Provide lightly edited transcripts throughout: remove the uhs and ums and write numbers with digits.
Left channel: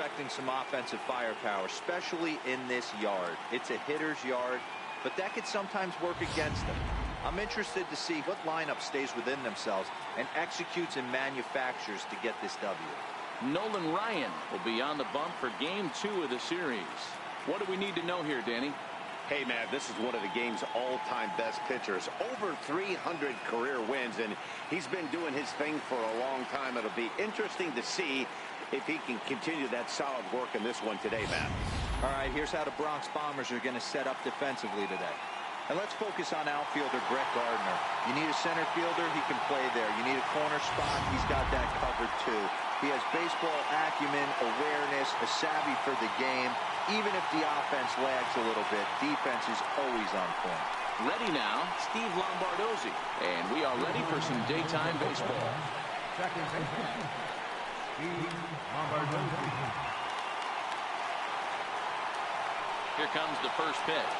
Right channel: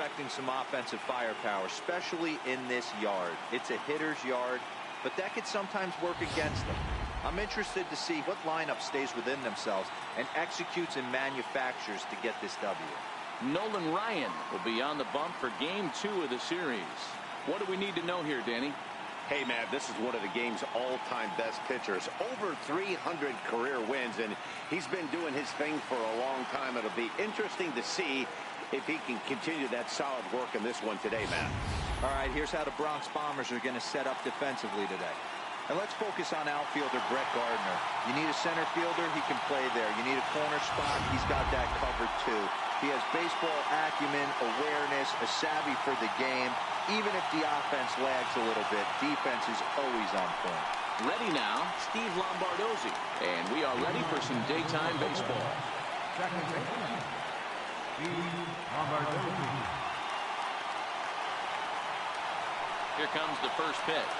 expecting some offensive firepower, especially in this yard. It's a hitter's yard, but that could sometimes work against them. I'm interested to see what lineup stays within themselves and executes and manufactures to get this W. Nolan Ryan will be on the bump for Game 2 of the series. What do we need to know here, Danny? Hey, man, this is one of the game's all-time best pitchers. Over 300 career wins, and he's been doing his thing for a long time. It'll be interesting to see if he can continue that solid work in this one today, Matt. All right, here's how the Bronx Bombers are going to set up defensively today. And let's focus on outfielder Brett Gardner. You need a center fielder, he can play there. You need a corner spot, he's got that covered too. He has baseball acumen, awareness, a savvy for the game. Even if the offense lags a little bit, defense is always on point. Ready now, Steve Lombardozzi. And we are ready for some daytime baseball. Second baseman, Steve Lombardozzi. Here comes the first pitch.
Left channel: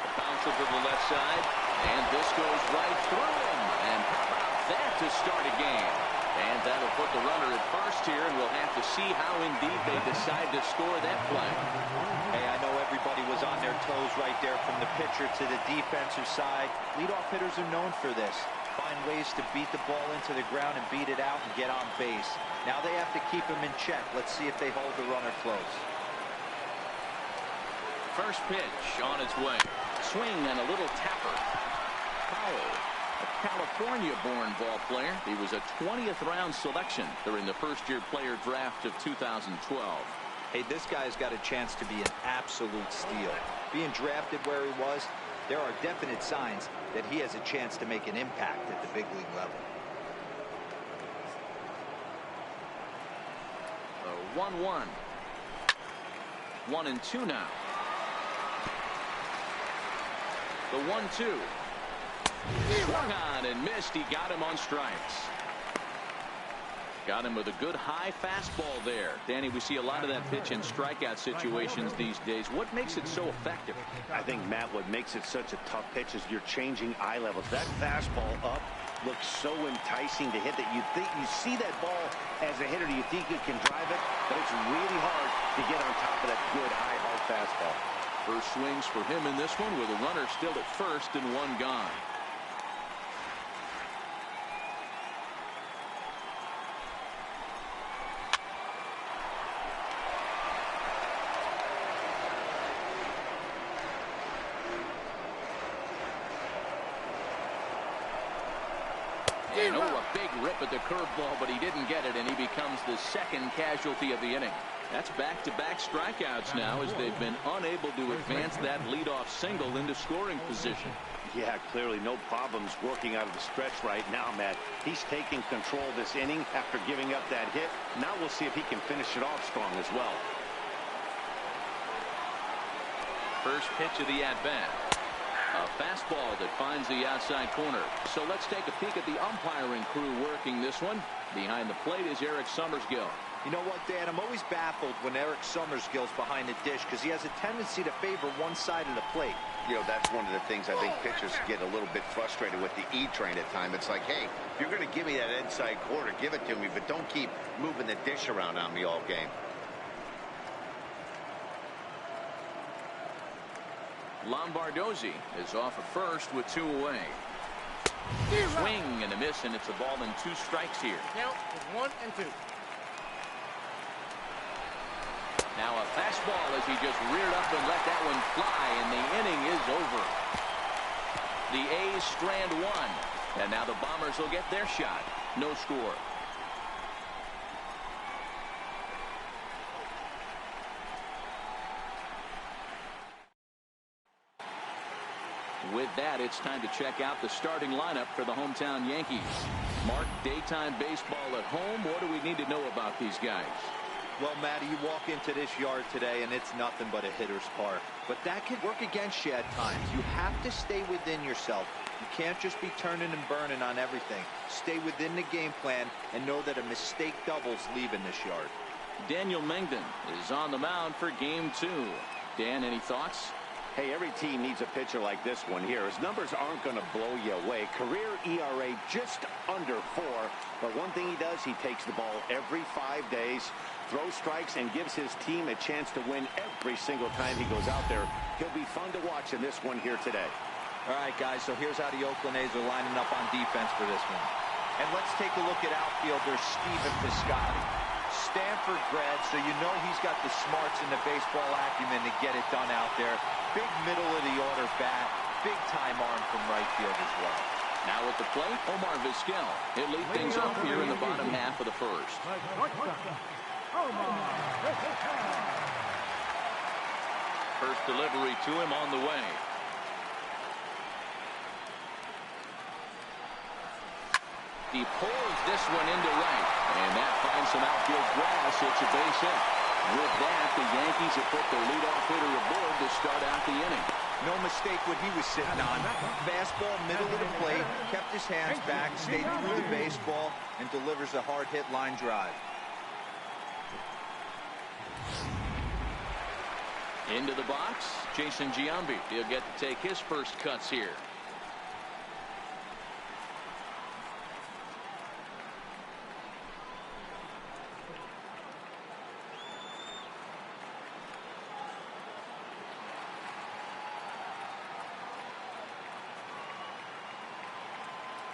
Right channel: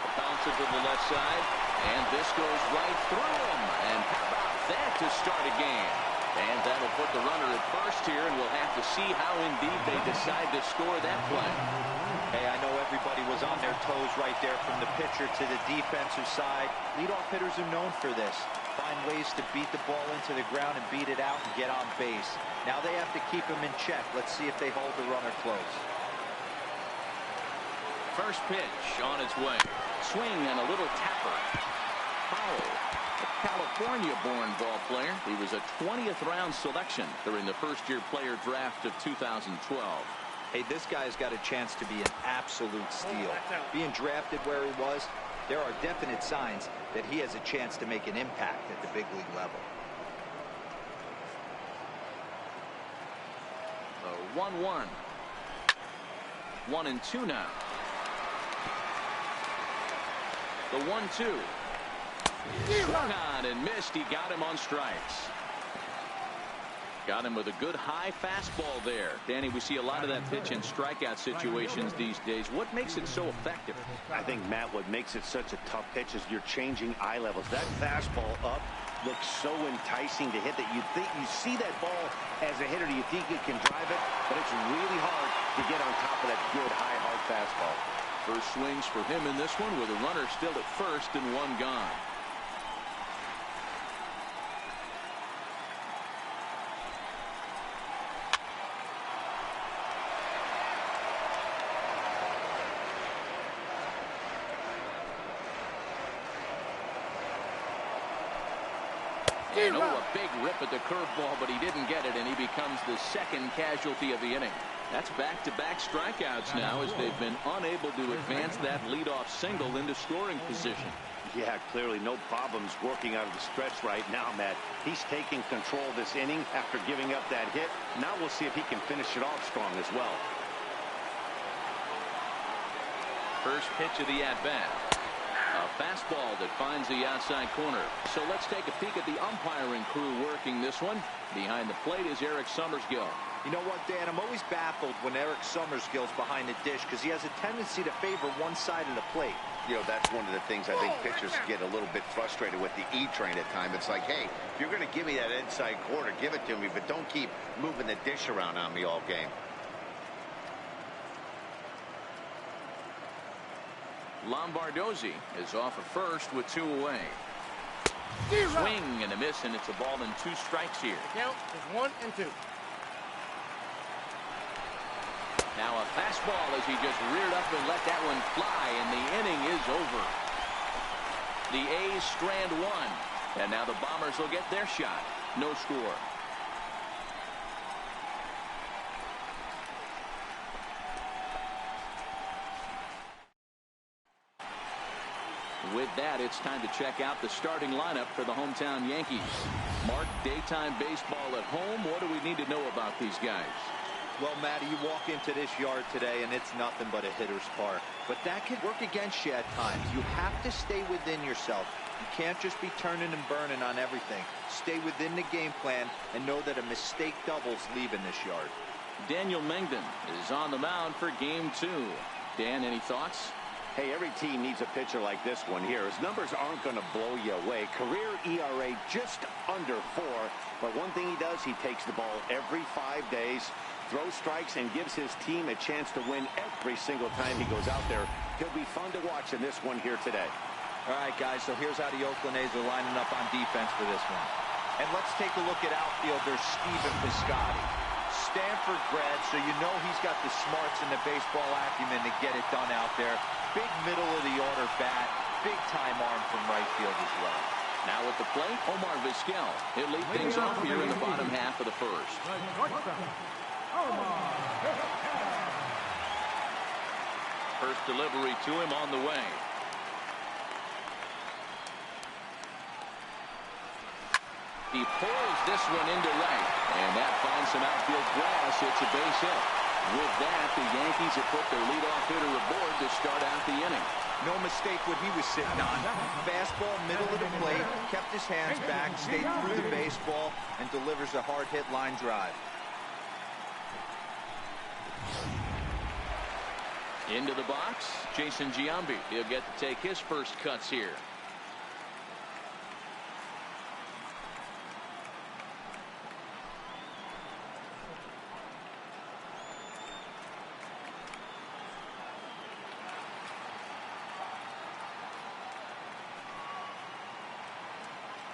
A bouncer to the left side, and this goes right through him. And how about that to start a game? And that'll put the runner at first here, and we'll have to see how indeed they decide to score that play. Hey, I know everybody was on their toes right there from the pitcher to the defensive side. Leadoff hitters are known for this. Find ways to beat the ball into the ground and beat it out and get on base. Now they have to keep him in check. Let's see if they hold the runner close. First pitch on its way. Swing and a little tapper. Foul. A California-born ball player. He was a 20th round selection during the first-year player draft of 2012. Hey, this guy's got a chance to be an absolute steal. Being drafted where he was, there are definite signs that he has a chance to make an impact at the big league level. 1-1. 1-2 now. The 1-2. Swung on and missed. He got him on strikes. Got him with a good high fastball there. Danny, we see a lot of that pitch in strikeout situations these days. What makes it so effective? I think, Matt, what makes it such a tough pitch is you're changing eye levels. That fastball up looks so enticing to hit that you think you see that ball as a hitter. You think you can drive it, but it's really hard to get on top of that good high hard fastball. First swings for him in this one with a runner still at first and one gone. And a big rip at the curveball, but he didn't get it, and he becomes the second casualty of the inning. That's back-to-back strikeouts now as they've been unable to advance that leadoff single into scoring position. Yeah, clearly no problems working out of the stretch right now, Matt. He's taking control of this inning after giving up that hit. Now we'll see if he can finish it off strong as well. First pitch of the at-bat. A fastball that finds the outside corner. So let's take a peek at the umpiring crew working this one. Behind the plate is Eric Summersgill. You know what, Dan? I'm always baffled when Eric Summersgill's behind the dish because he has a tendency to favor one side of the plate. You know, that's one of the things I think pitchers get a little bit frustrated with the E-train at times. It's like, hey, if you're going to give me that inside quarter, give it to me, but don't keep moving the dish around on me all game. Lombardozzi is off at first with two away. Swing and a miss, and it's a ball and two strikes here. Count is 1-2. Now a fastball as he just reared up and let that one fly, and the inning is over. The A's strand one, and now the Bombers will get their shot. No score. With that, it's time to check out the starting lineup for the hometown Yankees. Mark, daytime baseball at home. What do we need to know about these guys? Well, Matty, you walk into this yard today and it's nothing but a hitter's park. But that can work against you at times. You have to stay within yourself. You can't just be turning and burning on everything. Stay within the game plan and know that a mistake doubles leaving this yard. Daniel Mengden is on the mound for game 2. Dan, any thoughts? Hey, every team needs a pitcher like this one here. His numbers aren't going to blow you away. Career ERA just under 4. But one thing he does, he takes the ball every 5 days, throws strikes, and gives his team a chance to win every single time he goes out there. He'll be fun to watch in this one here today. All right, guys, so here's how the Oakland A's are lining up on defense for this one. And let's take a look at outfielder Stephen Piscotty. Stanford grad, so you know he's got the smarts and the baseball acumen to get it done out there. Big middle-of-the-order bat, big-time arm from right field as well. Now at the plate, Omar Vizquel. He'll lead things off here in the bottom half of the first. First delivery to him on the way. He pulls this one into right, and that finds some outfield grass. It's a base hit. With that, the Yankees have put their leadoff hitter aboard to start out the inning. No mistake what he was sitting on. Fastball, middle of the plate, kept his hands back, stayed through the baseball, and delivers a hard hit line drive. Into the box, Jason Giambi. He'll get to take his first cuts here.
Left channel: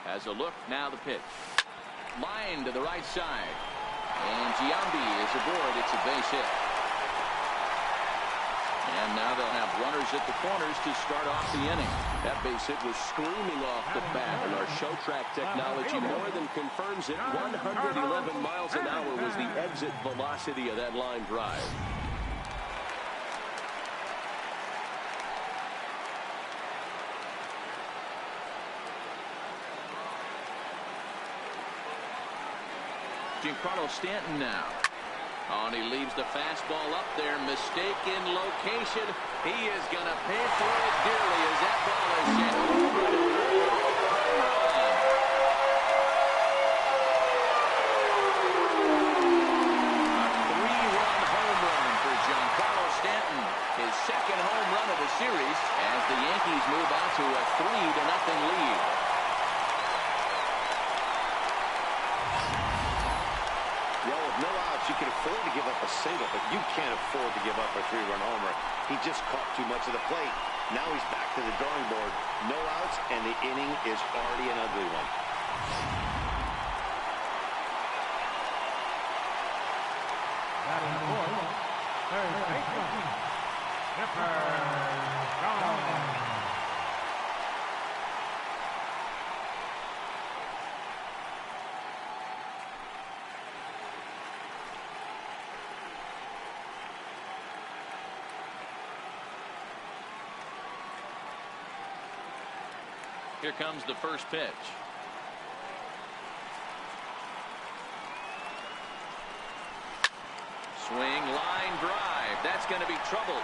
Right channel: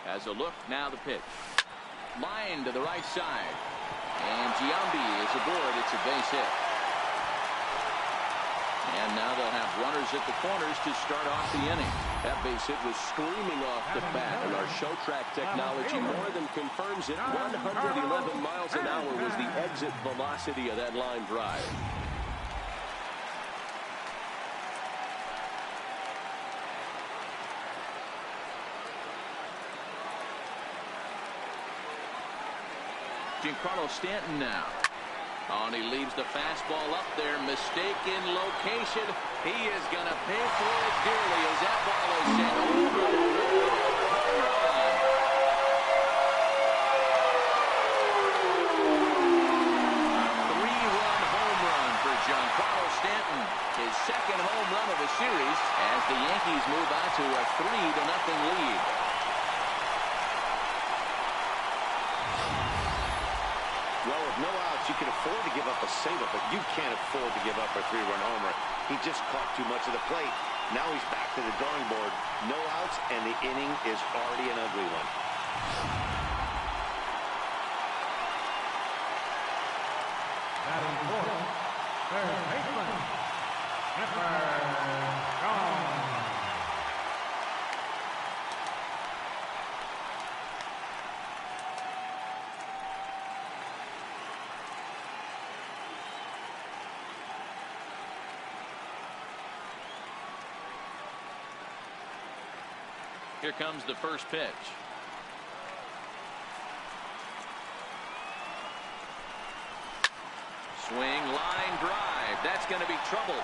As a look, now the pitch. Line to the right side. And Giambi is aboard. It's a base hit. And now they'll have runners at the corners to start off the inning. That base hit was screaming off the bat, and our show track technology more than confirms it. 111 miles an hour was the exit velocity of that line drive. Giancarlo Stanton now. Oh, and he leaves the fastball up there. Mistaken location. He is going to pay for it dearly as that ball is sent over the wall. Home run. A 3-run home run for Giancarlo Stanton. His second home run of the series as the Yankees move out to a 3-0 lead. Well, with no outs, you can afford to give up a single, but you can't afford to give up a 3-run homer. He just caught too much of the plate. Now he's back to the drawing board. No outs, and the inning is already an ugly one. Batting fourth, third baseman, Skipper Jones. Here comes the first pitch. Swing, line drive. That's going to be trouble.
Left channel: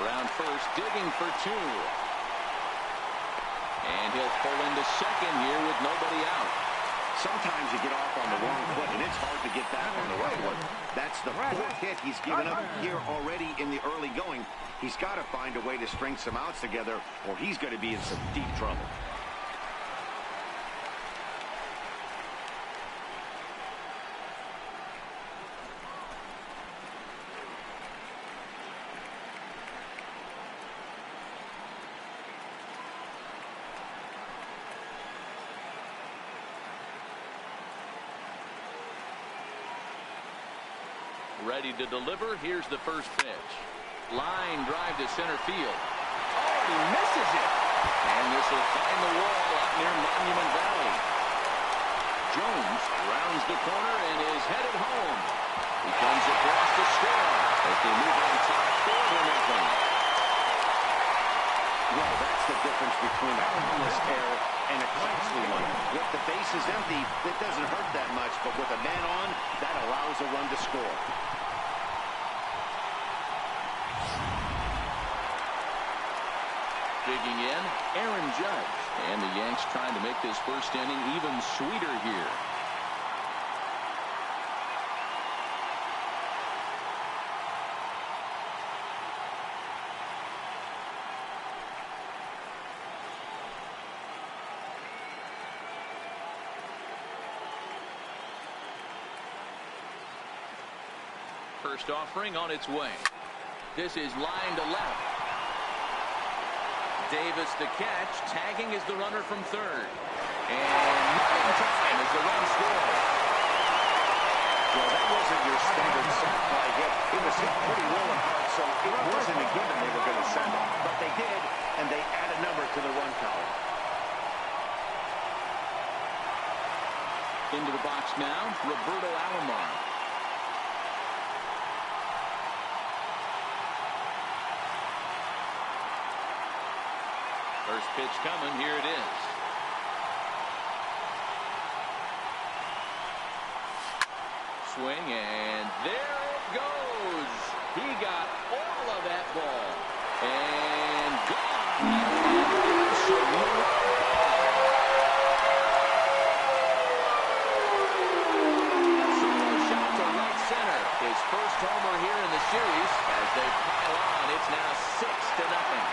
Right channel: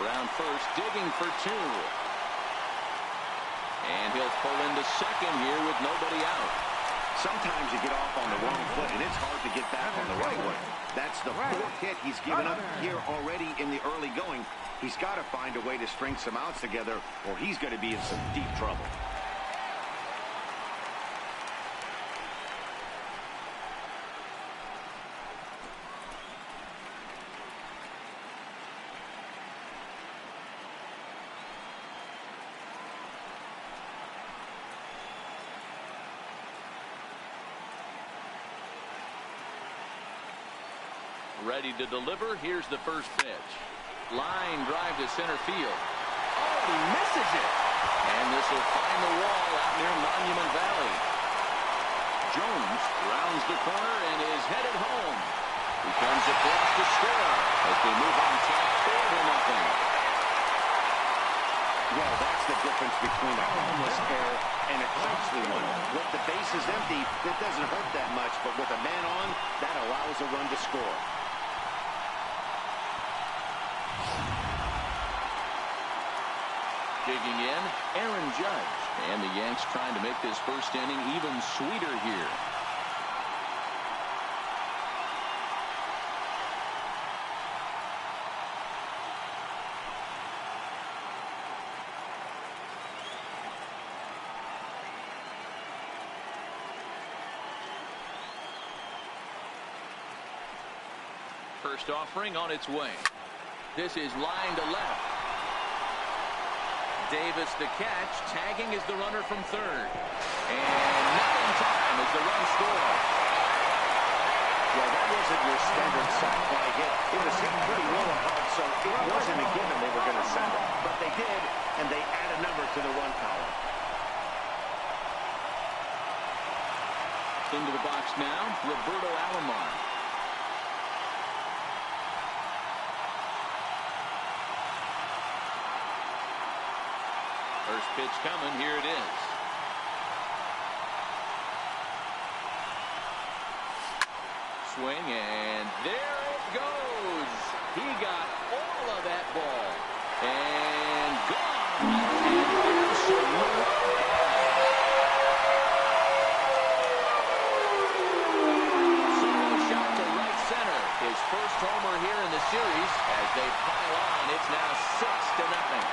Around first, digging for 2. And he'll pull into second here with nobody out. Sometimes you get off on the wrong foot, and it's hard to get back on the right one. That's the 4th hit he's given up here already in the early going. He's got to find a way to string some outs together, or he's going to be in some deep trouble. Ready to deliver. Here's the first pitch. Line drive to center field. Oh, he misses it. And this will find the wall out near Monument Valley. Jones rounds the corner and is headed home. He comes across to score as they move on top 4-0. Well, that's the difference between a harmless error and a costly one. With the bases empty, it doesn't hurt that much, but with a man on, that allows a run to score. Digging in, Aaron Judge. And the Yanks trying to make this first inning even sweeter here. First offering on its way. This is line to left. Davis the catch. Tagging is the runner from third. And not in time as the run scores. Well, that wasn't your standard sac fly hit. It was hit pretty low and hard, so it wasn't a given they were going to send it. But they did, and they add a number to the run column. Into the box now, Roberto Alomar. First pitch coming. Here it is. Swing, and there it goes. He got all of that ball. And gone. An absolute solo shot to right center. His first homer here in the series. As they pile on, it's now 6-0.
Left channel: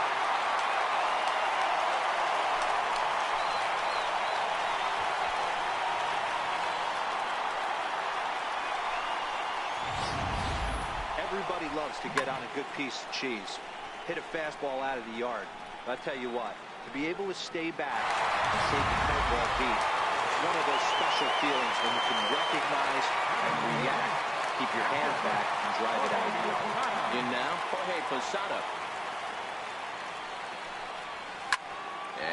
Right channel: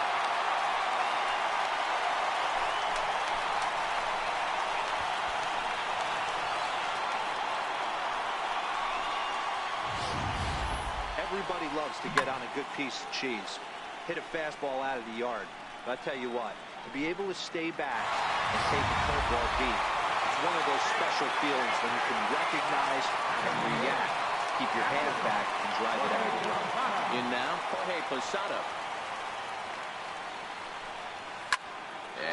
Everybody loves to get on a good piece of cheese, hit a fastball out of the yard. But I tell you what, to be able to stay back and take a curveball deep, it's one of those special feelings when you can recognize and react, keep your hands back, and drive it out of the yard. In now, Jorge Posada.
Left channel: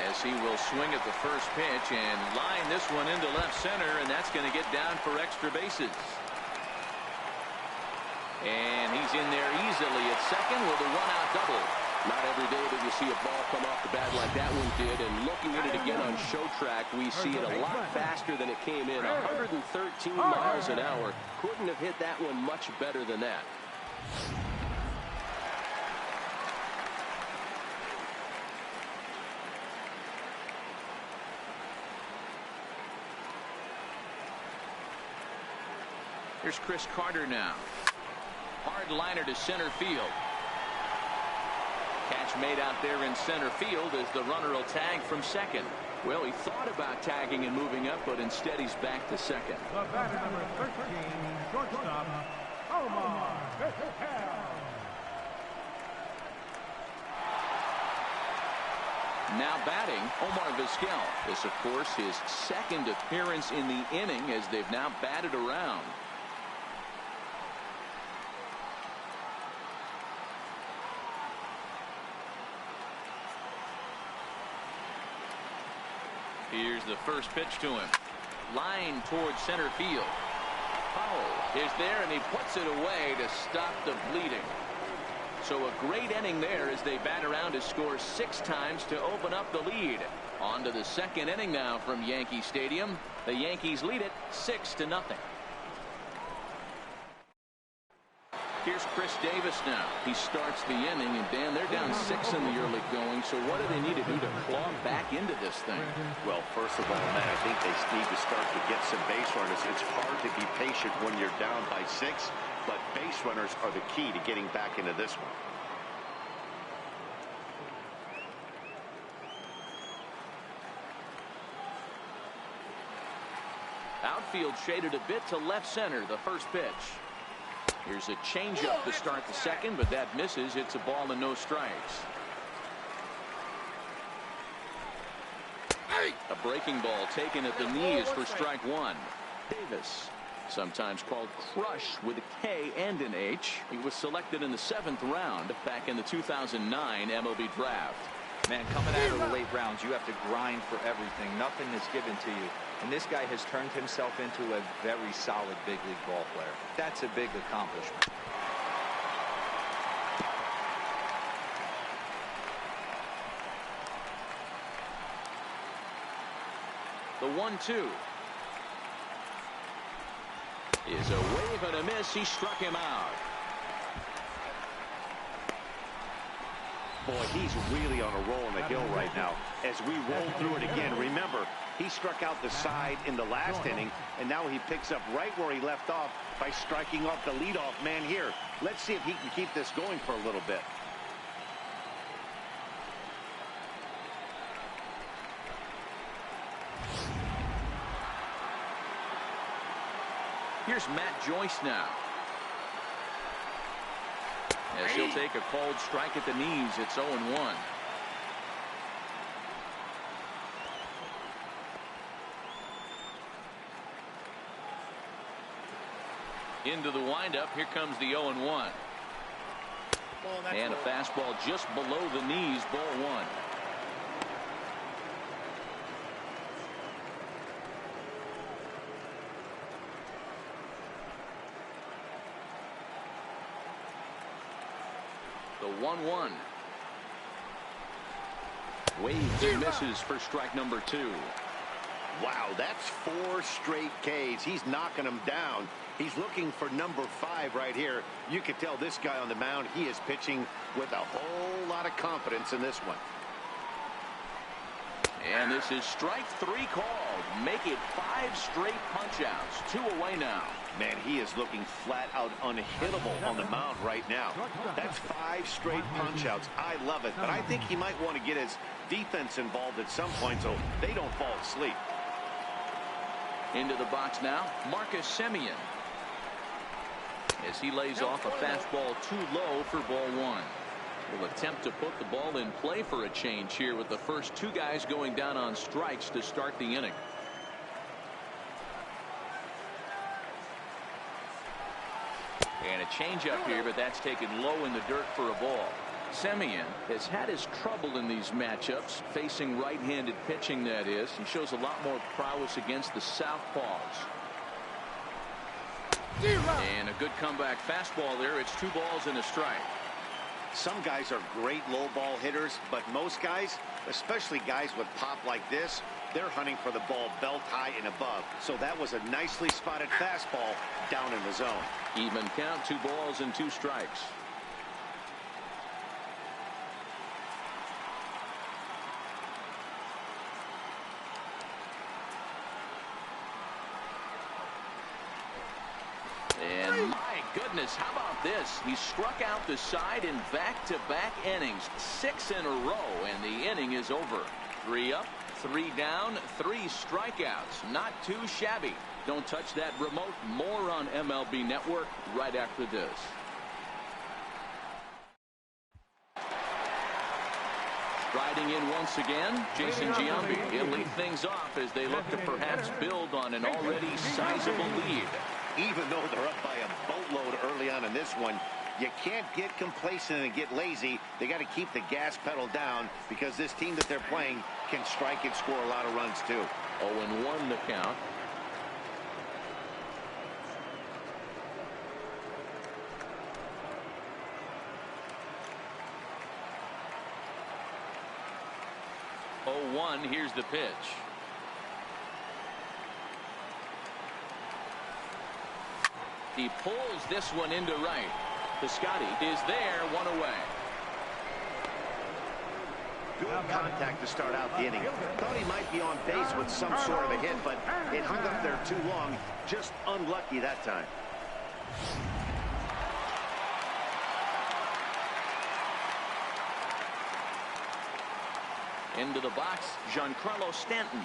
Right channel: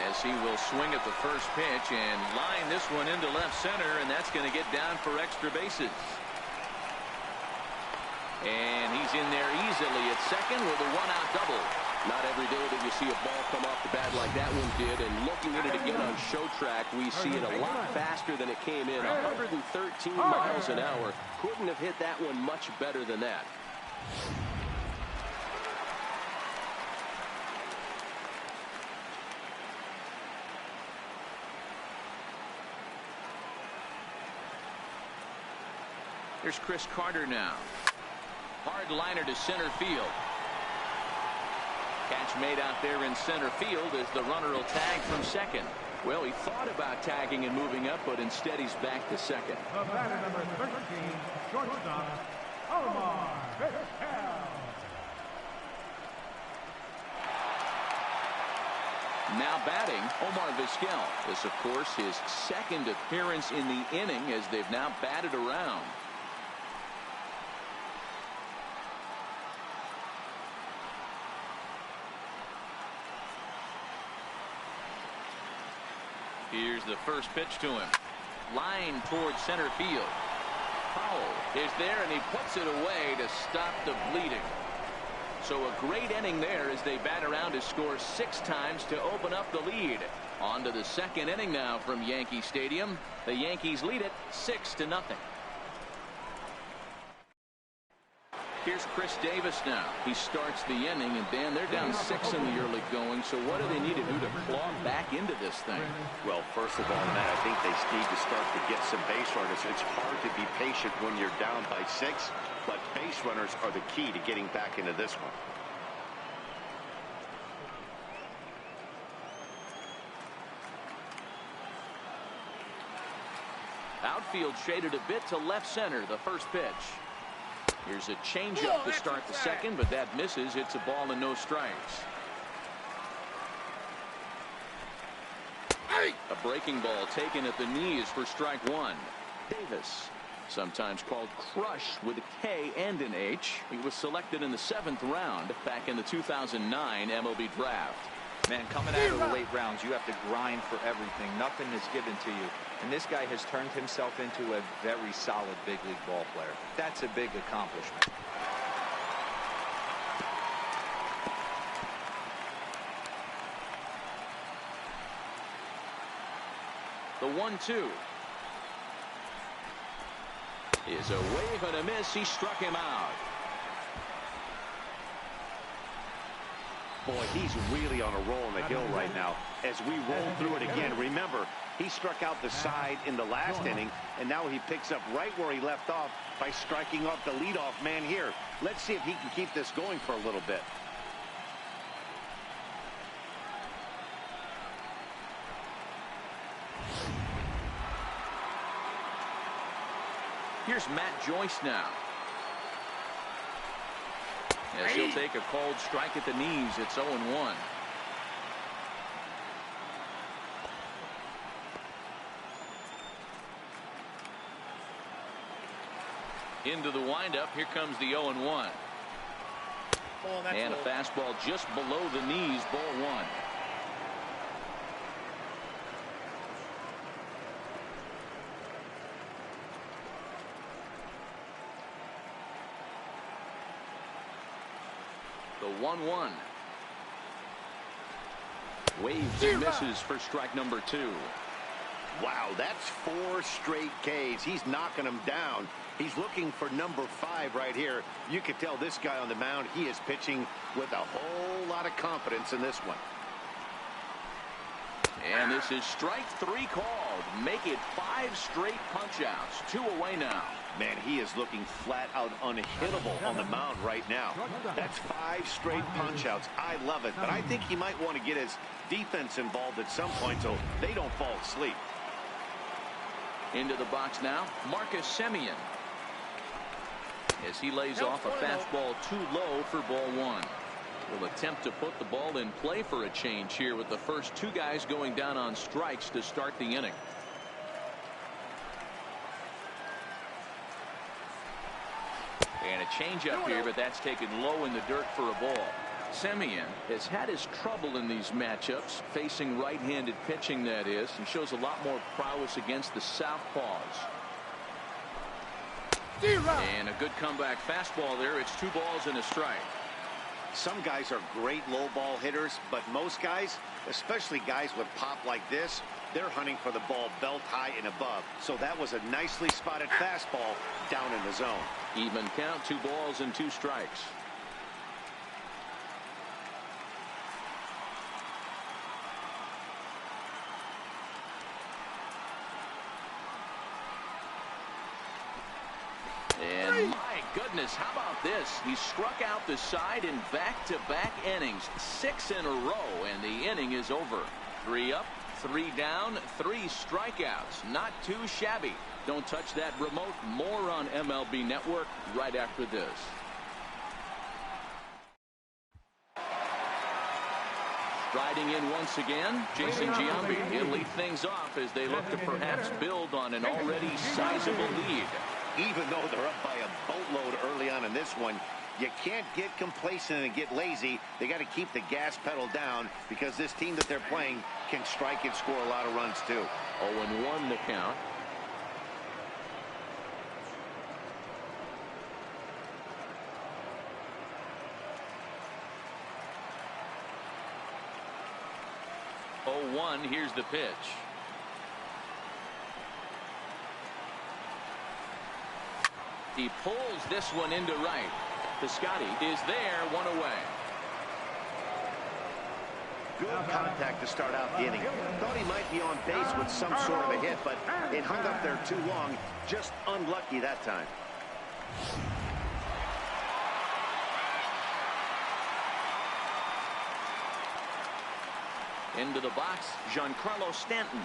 As he will swing at the first pitch and line this one into left center, and that's going to get down for extra bases. And he's in there easily at second with a one-out double. Not every day that you see a ball come off the bat like that one did. And looking at it again on show track, we see it a lot faster than it came in. 113 miles an hour. Couldn't have hit that one much better than that. Here's Chris Carter now. Hard liner to center field. Catch made out there in center field as the runner will tag from second. Well, he thought about tagging and moving up, but instead he's back to second. The batter, number 13, shortstop, Omar Vizquel. Now batting, Omar Vizquel. This, of course, his second appearance in the inning as they've now batted around. Here's the first pitch to him. Line towards center field. Powell is there, and he puts it away to stop the bleeding. So a great inning there as they bat around to score 6 times to open up the lead. On to the second inning now from Yankee Stadium. The Yankees lead it 6-0. Here's Chris Davis now. He starts the inning, and Dan, they're down 6 in the early going. So what do they need to do to claw back into this thing? Well, first of all, Matt, I think they need to start to get some base runners. It's hard to be patient when you're down by 6, but base runners are the key to getting back into this one. Outfield shaded a bit to left center. The first pitch. Here's a changeup to start the second, but that misses. It's a ball and no strikes. A breaking ball taken at the knees for strike 1. Davis, sometimes called Crush with a K and an H. He was selected in the 7th round back in the 2009 MLB draft. Man, coming out of the late rounds, you have to grind for everything. Nothing is given to you. And this guy has turned himself into a very solid big league ball player. That's a big accomplishment. The 1-2 is a wave and a miss. He struck him out. Boy, he's really on a roll on the hill right now. As we roll through it again, remember, he struck out the side in the last inning, and now he picks up right where he left off by striking off the leadoff man here. Let's see if he can keep this going for a little bit. Here's Matt Joyce now. As he'll take a called strike at the knees. It's 0-1. Into the windup. Here comes the 0-1. And a fastball just below the knees. Ball 1. The 1-1. Waves and misses for strike number 2. Wow, that's 4 straight Ks. He's knocking them down. He's looking for number 5 right here. You can tell this guy on the mound, he is pitching with a whole lot of confidence in this one. And this is strike 3 called. Make it 5 straight punch-outs. 2 away now. Man, he is looking flat out unhittable on the mound right now. That's 5 straight punch-outs. I love it, but I think he might want to get his defense involved at some point so they don't fall asleep. Into the box now, Marcus Semien. As he lays off a fastball too low for ball 1. Will attempt to put the ball in play for a change here with the first 2 guys going down on strikes to start the inning. And a changeup here, but that's taken low in the dirt for a ball. Semien has had his trouble in these matchups, facing right-handed pitching, that is. He shows a lot more prowess against the southpaws. And a good comeback fastball there. It's 2 balls and a strike. Some guys are great low ball hitters, but most guys, especially guys with pop like this, they're hunting for the ball belt high and above. So that was a nicely spotted fastball down in the zone. Even count, 2 balls and 2 strikes. And my goodness, how about this? He struck out the side in back-to-back innings, 6 in a row, and the inning is over. 3 up, 3 down, 3 strikeouts. Not too shabby. Don't touch that remote. More on MLB Network right after this. Striding in once again, Jason Giambi. He'll lead things off as they look to perhaps build on an already sizable lead. Even though they're up by a boatload early on in this one, you can't get complacent and get lazy. They got to keep the gas pedal down because this team that they're playing can strike and score a lot of runs too. 0-1 the count. Here's the pitch. He pulls this one into right. Piscotty is there, 1 away. Good contact to start out the inning. Thought he might be on base with some sort of a hit, but it hung up there too long. Just unlucky that time. Into the box, Giancarlo Stanton.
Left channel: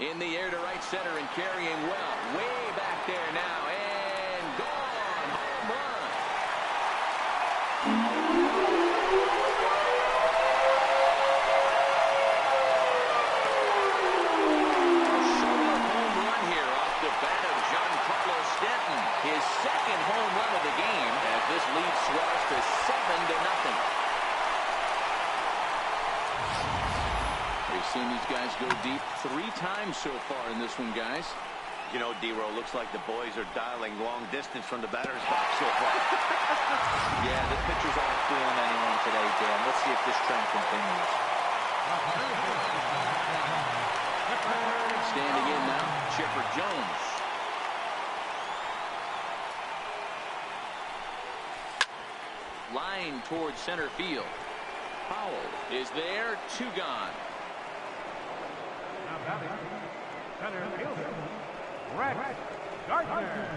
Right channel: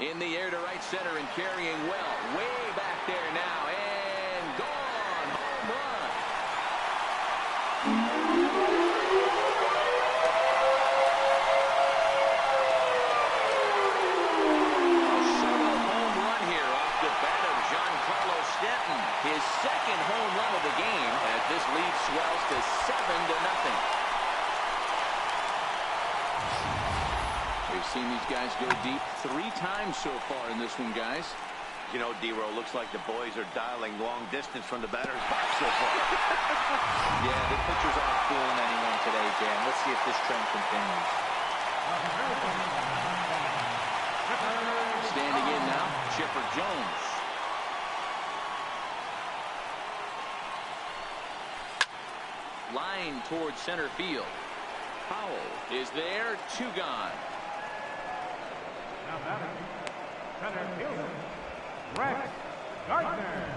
In the air to right center and carrying well. Way back there now and gone. Home run. A solo home run here off the bat of Giancarlo Stanton. His second home run of the game as this lead swells to 7-0. We've seen these guys go deep 3 times so far in this one, guys. You know, D-Row, looks like the boys are dialing long distance from the batter's box so far. Yeah, the pitchers aren't fooling anyone today, Dan. Let's see if this trend continues. Standing in now, Chipper Jones. Line towards center field. Powell is there, 2 gone. Now batting, center fielder, Rex Gardner.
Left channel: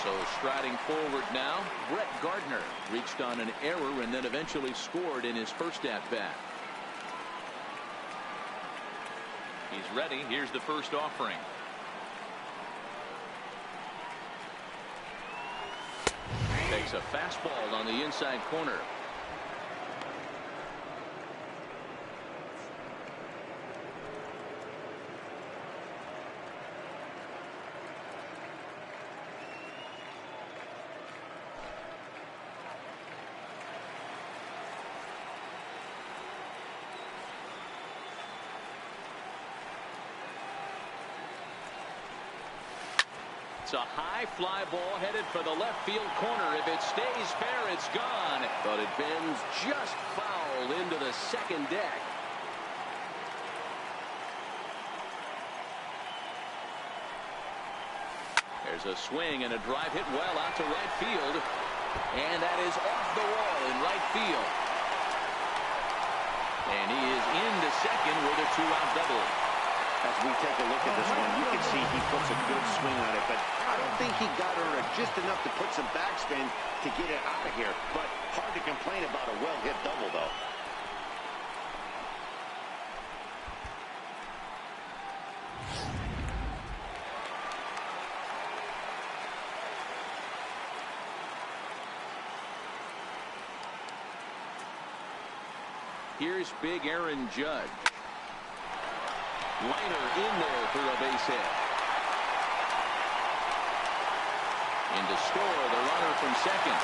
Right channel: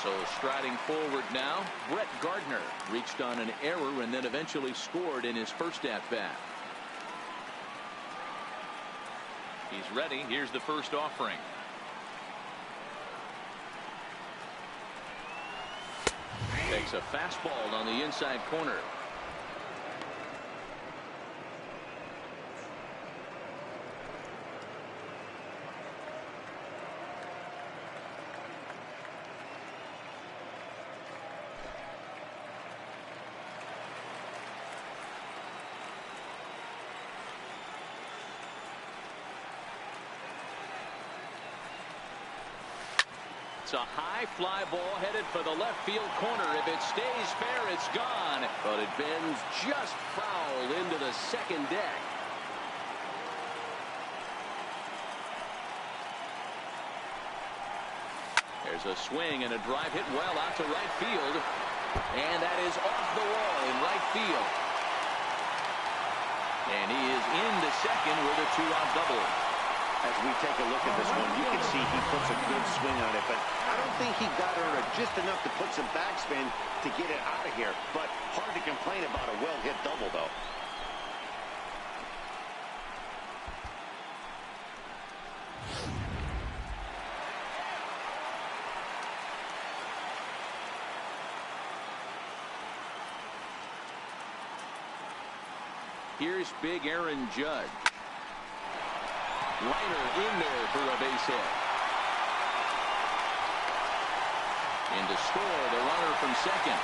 So striding forward now, Brett Gardner reached on an error and then eventually scored in his first at-bat. He's ready. Here's the first offering. Takes a fastball on the inside corner. It's a high fly ball headed for the left field corner. If it stays fair, it's gone. But it bends just foul into the second deck. There's a swing and a drive hit well out to right field. And that is off the wall in right field. And he is into second with a 2-out double. As we take a look at this one, you can see he puts a good swing on it, but I don't think he got her just enough to put some backspin to get it out of here. But hard to complain about a well-hit double, though. Here's big Aaron Judge. Liner in there for a base hit. In to score the runner from second.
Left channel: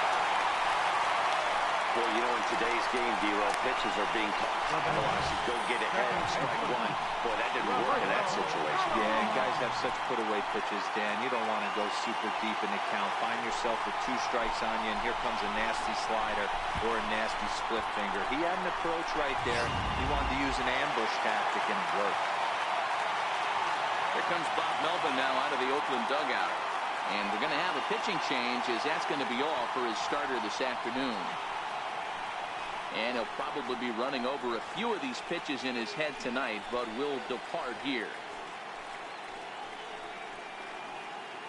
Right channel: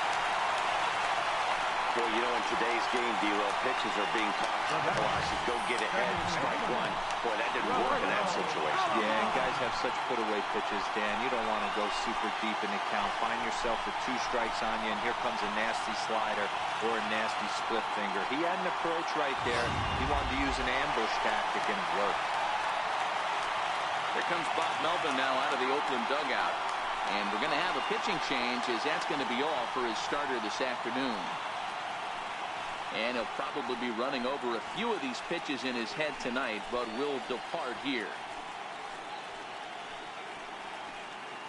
Boy, you know, in today's game, D-Row, pitches are being taught high velocity. Go get ahead, strike one. Boy, that didn't work in that situation. Yeah, and guys have such put-away pitches, Dan. You don't want to go super deep in the count. Find yourself with 2 strikes on you, and here comes a nasty slider or a nasty split finger. He had an approach right there. He wanted to use an ambush tactic, and it worked. Here comes Bob Melvin now out of the Oakland dugout. And we're going to have a pitching change, as that's going to be all for his starter this afternoon. And he'll probably be running over a few of these pitches in his head tonight, but will depart here.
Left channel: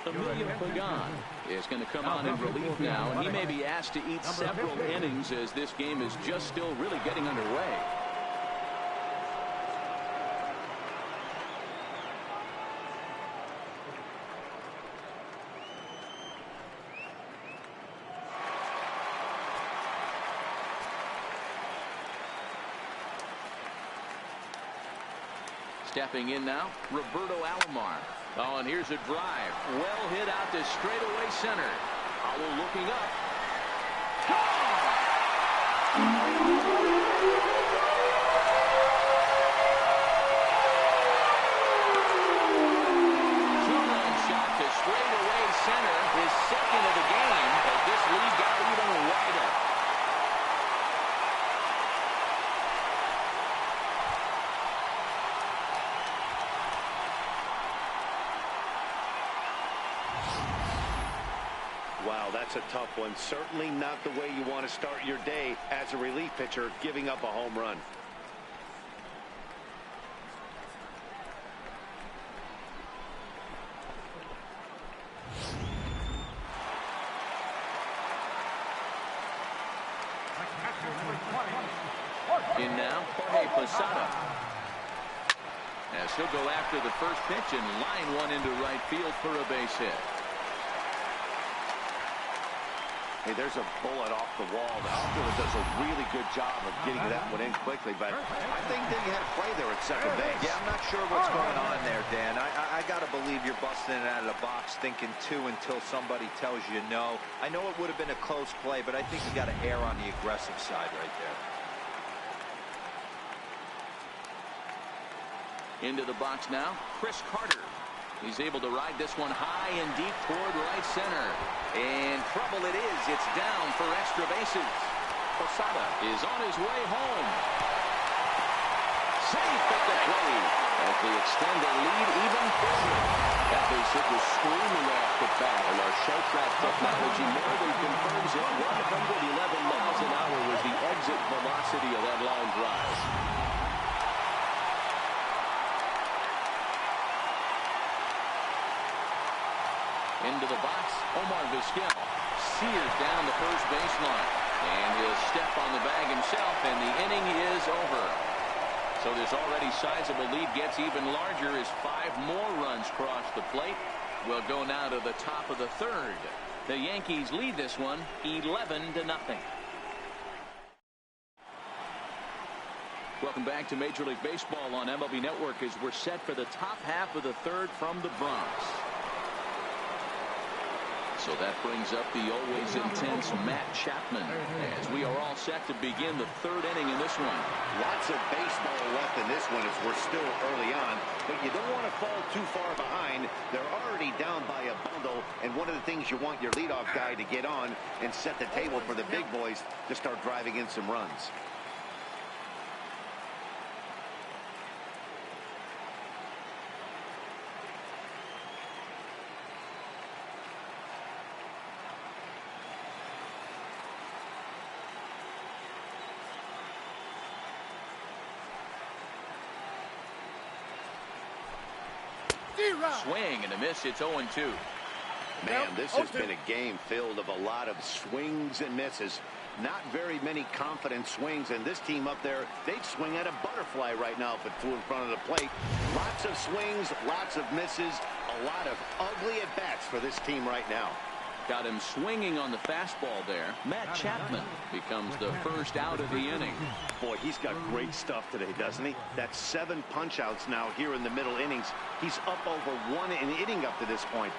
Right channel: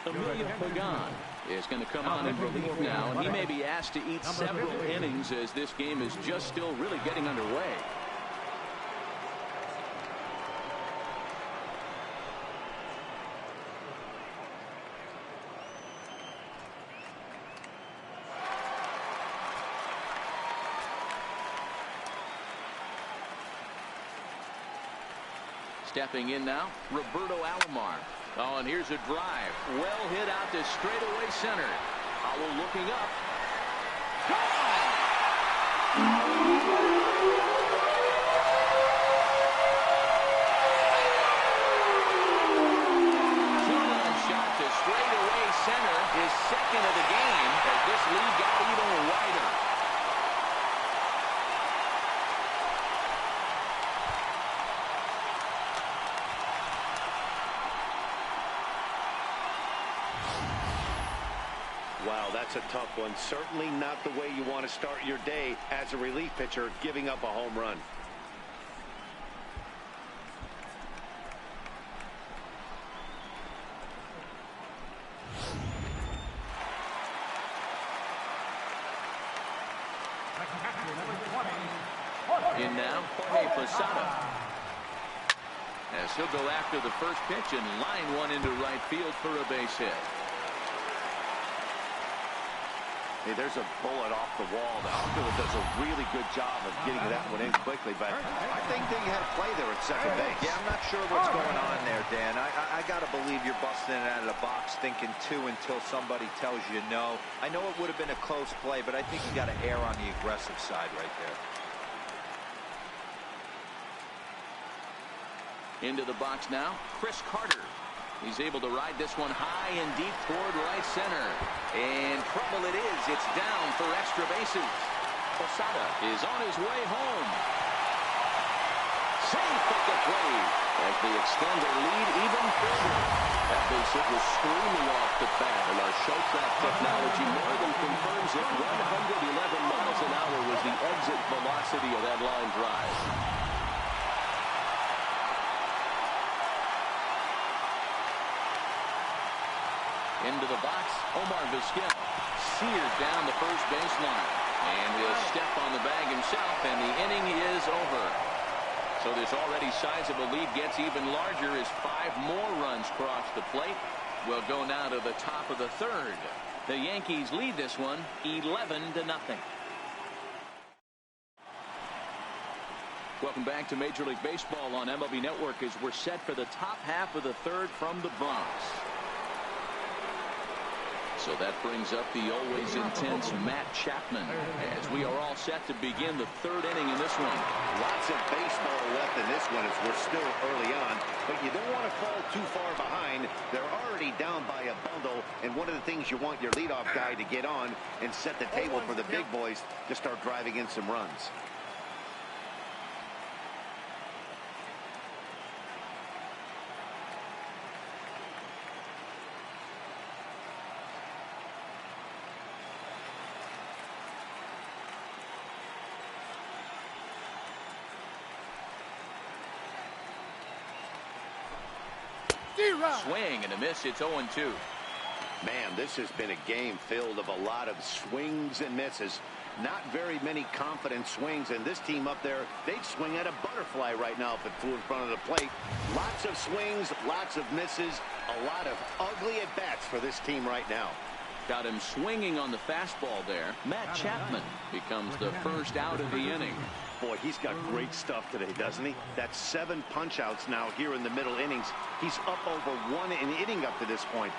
Emilio Pagan is going to come on in relief now, and he may be asked to eat several innings as this game is just still really getting underway. Stepping in now, Roberto Alomar. Oh, and here's a drive. Well hit out to straightaway center. Howell looking up. Gone! 2-run shot to straightaway center. His second of the game as this lead got even wider. Wow, that's a tough one. Certainly not the way you want to start your day as a relief pitcher, giving up a home run. In now, Jorge Posada. As he'll go after the first pitch and line one into right field for a base hit. Hey, there's a bullet off the wall. The outfielder does a really good job of getting that one in quickly, but I think they had a play there at second base. Yeah, I'm not sure what's going on there, Dan. I got to believe you're busting it out of the box thinking 2 until somebody tells you no. I know it would have been a close play, but I think you got to err on the aggressive side right there. Into the box now, Chris Carter. He's able to ride this one high and deep toward right center. And trouble it is. It's down for extra bases. Posada is on his way home. Safe at the plate as they extend their lead even further. That base hit was screaming off the bat, and our show track technology more than confirms it. 111 miles an hour was the exit velocity of that line drive. Into the box, Omar Vizquel. Seared down the first baseline. And he'll step on the bag himself, and the inning is over. So this already sizable lead gets even larger as 5 more runs cross the plate. We'll go now to the top of the third. The Yankees lead this one 11-0. Welcome back to Major League Baseball on MLB Network as we're set for the top half of the third from the Bronx. So that brings up the always intense Matt Chapman as we are all set to begin the third inning in this one. Lots of baseball left in this one as we're still early on, but you don't want to fall too far behind. They're already down by a bundle, and one of the things you want your leadoff guy to get on and set the table for the big boys to start driving in some runs. Swing and a miss. It's 0-2. Man, this has been a game filled of a lot of swings and misses. Not very many confident swings, and this team up there, they'd swing at a butterfly right now if it flew in front of the plate. Lots of swings, lots of misses, a lot of ugly at-bats for this team right now. Got him swinging on the fastball there. Matt Chapman becomes the first out of the inning. Boy, he's got great stuff today, doesn't he? That's 7 punch-outs now here in the middle innings. He's up over 1 inning up to this point.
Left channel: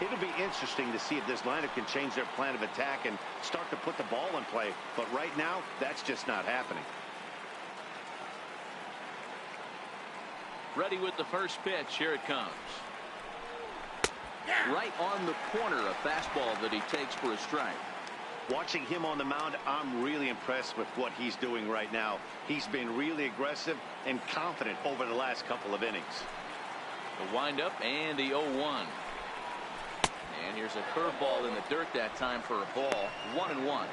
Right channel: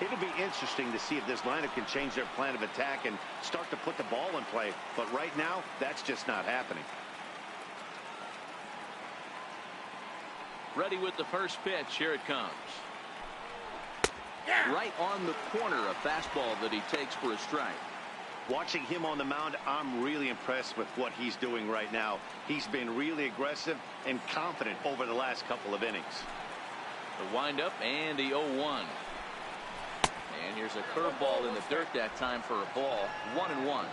It'll be interesting to see if this lineup can change their plan of attack and start to put the ball in play. But right now, that's just not happening. Ready with the first pitch. Here it comes. Right on the corner, a fastball that he takes for a strike. Watching him on the mound, I'm really impressed with what he's doing right now. He's been really aggressive and confident over the last couple of innings. The windup and the 0-1. And here's a curveball in the dirt that time for a ball. 1-1.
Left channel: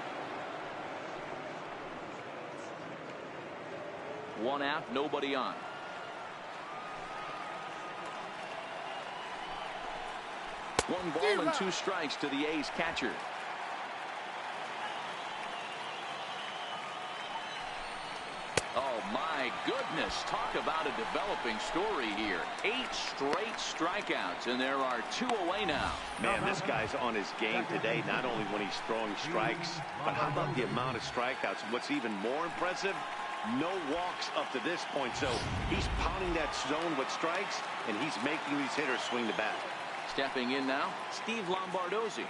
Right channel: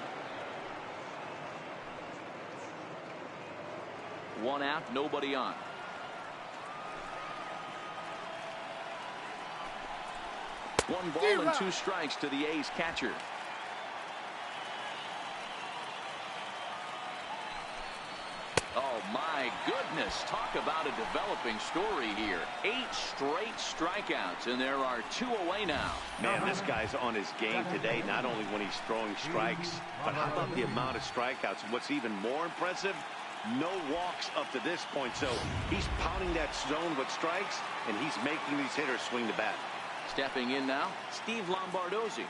1 out, nobody on. 1 ball and 2 strikes to the A's catcher. Oh my goodness, talk about a developing story here. 8 straight strikeouts, and there are 2 away now. Man, this guy's on his game today, not only when he's throwing strikes, but how about the amount of strikeouts? What's even more impressive, no walks up to this point. So he's pounding that zone with strikes, and he's making these hitters swing the bat. Stepping in now, Steve Lombardozzi.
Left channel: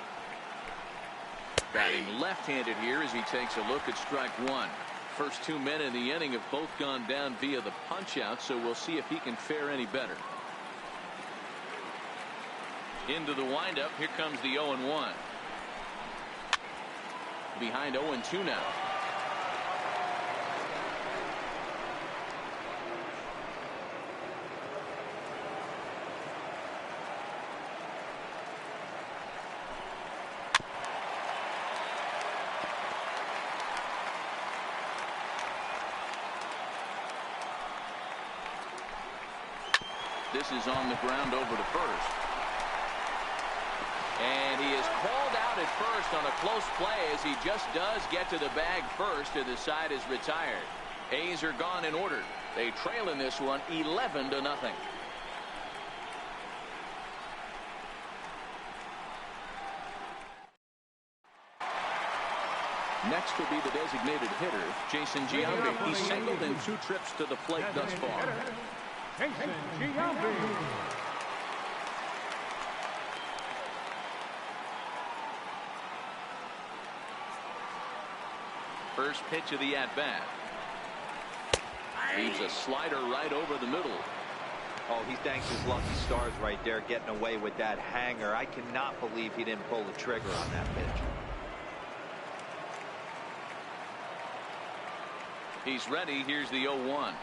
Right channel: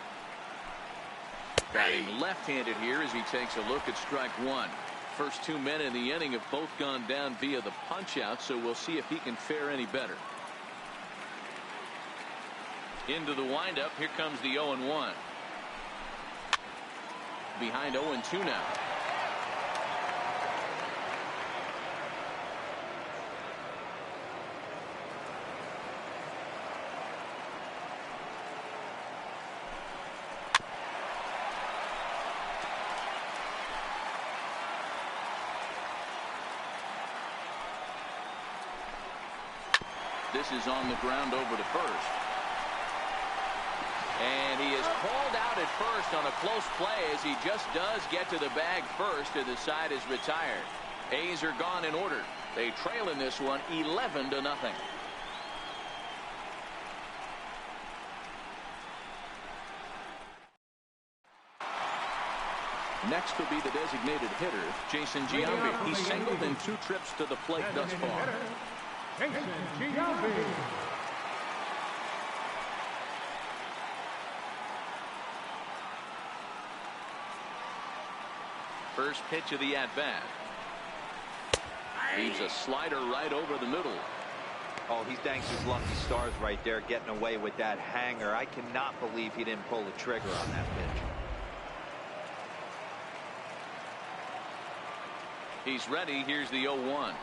Batting left-handed here as he takes a look at strike 1. First 2 men in the inning have both gone down via the punch-out, so we'll see if he can fare any better. Into the windup, here comes the 0-1. Behind 0-2 now. This is on the ground over to first. And he is called out at first on a close play as he just does get to the bag first, and the side is retired. A's are gone in order. They trail in this one 11-0. Next will be the designated hitter, Jason Giambi. He's singled in 2 trips to the plate thus far. Jason Giambi. First pitch of the at-bat. Leaves a slider right over the middle. Oh, he thanks his lucky stars right there, getting away with that hanger. I cannot believe he didn't pull the trigger on that pitch. He's ready. Here's the 0-1.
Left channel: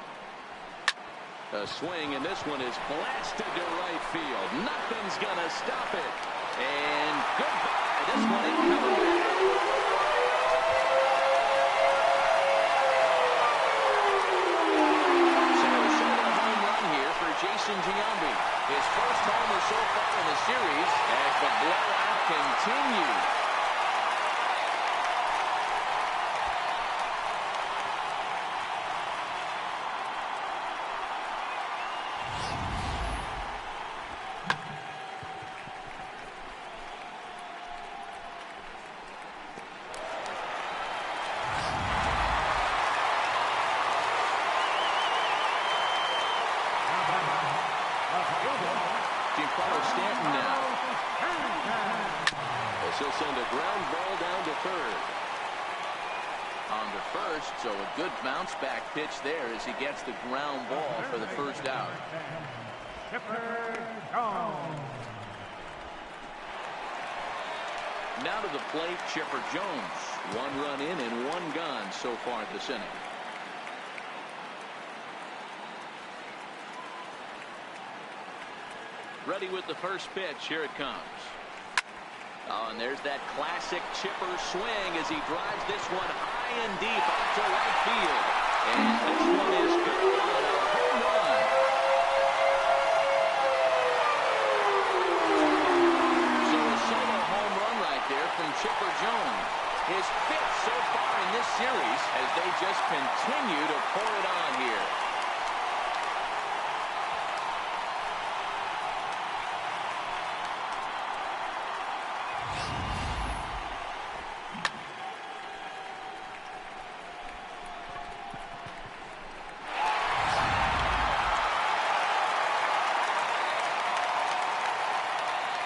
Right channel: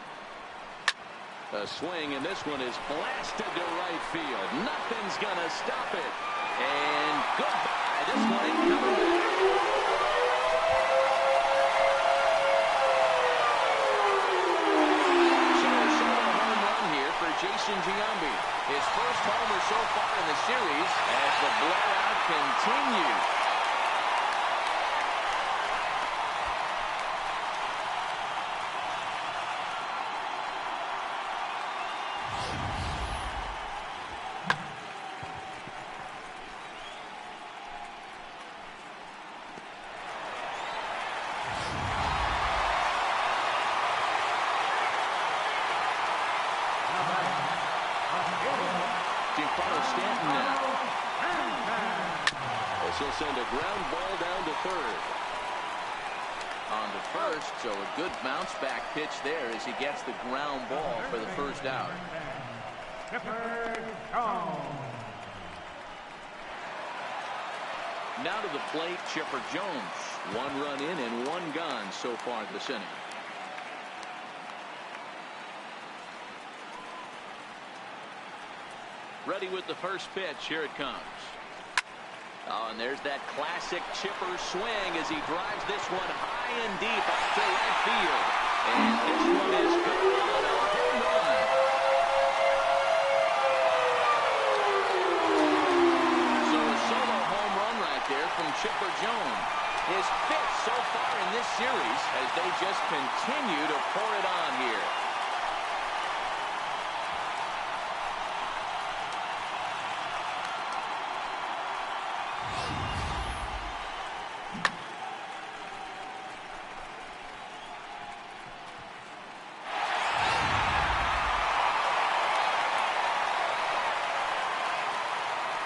A swing, and this one is blasted to right field. Nothing's gonna stop it. And goodbye. This one ain't coming back. So a solo home run here for Jason Giambi. His first homer so far in the series as the blowout continues. Giancarlo Stanton now. As he'll send a ground ball down to third. On to first, so a good bounce back pitch there as he gets the ground ball for the first out. Now to the plate, Chipper Jones. 1 run in and 1 gone so far this inning. Ready with the first pitch. Here it comes. Oh, and there's that classic Chipper swing as he drives this one high and deep out to right field. And this one is good on a home run. So a solo home run right there from Chipper Jones. His 5th so far in this series as they just continue to pour it on here.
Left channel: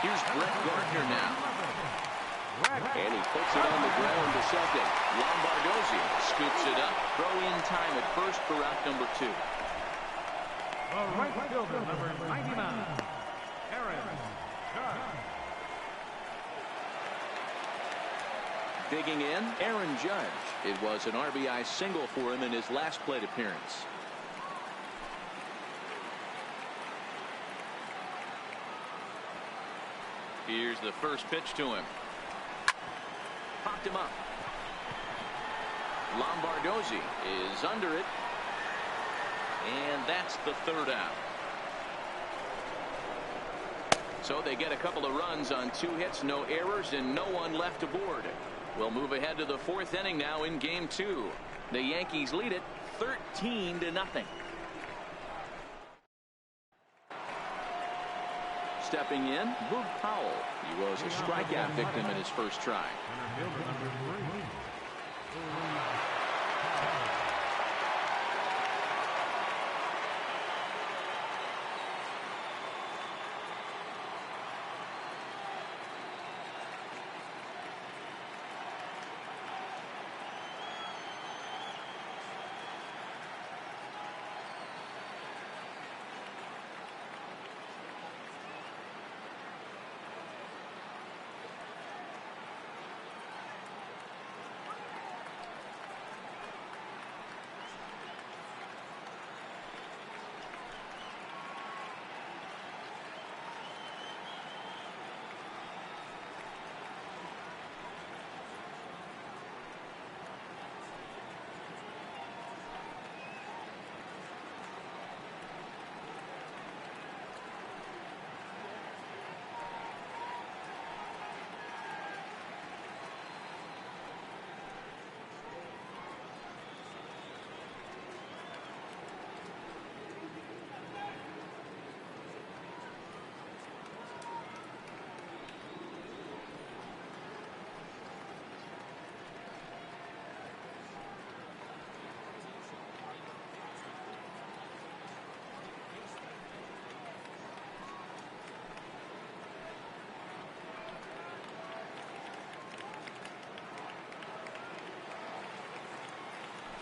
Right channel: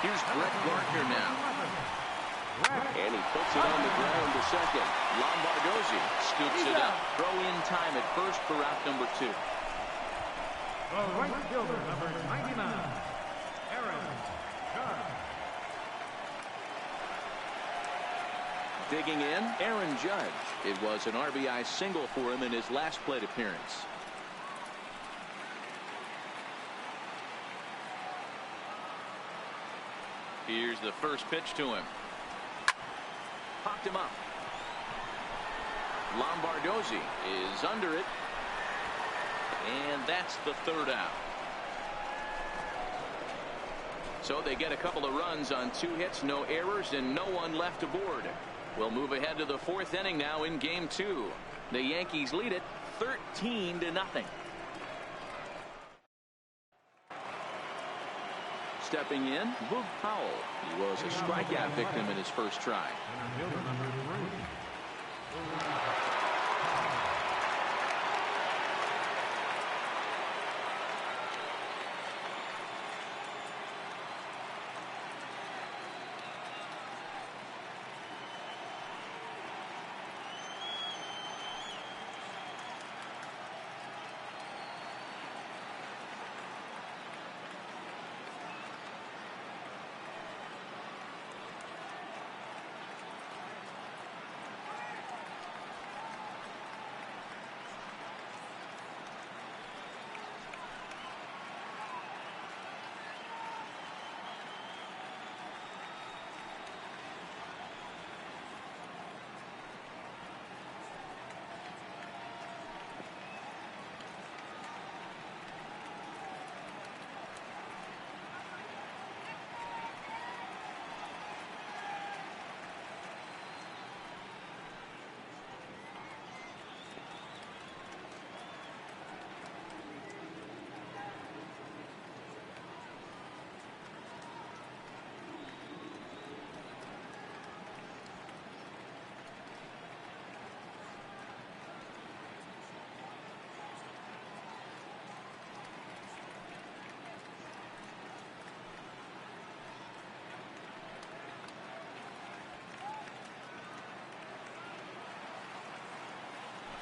Here's Brett Gardner now. And he puts it on the ground to second. Lombardozzi scoops it up. Throw in time at first for out number 2. The right fielder, number 99, Aaron Judge. Digging in, Aaron Judge. It was an RBI single for him in his last plate appearance. Here's the first pitch to him. Popped him up. Lombardozzi is under it. And that's the 3rd out. So they get a couple of runs on 2 hits, no errors, and no one left aboard. We'll move ahead to the 4th inning now in Game 2. The Yankees lead it 13-0. Stepping in, Boog Powell. He was a strikeout victim in his first try. Center fielder, number 3.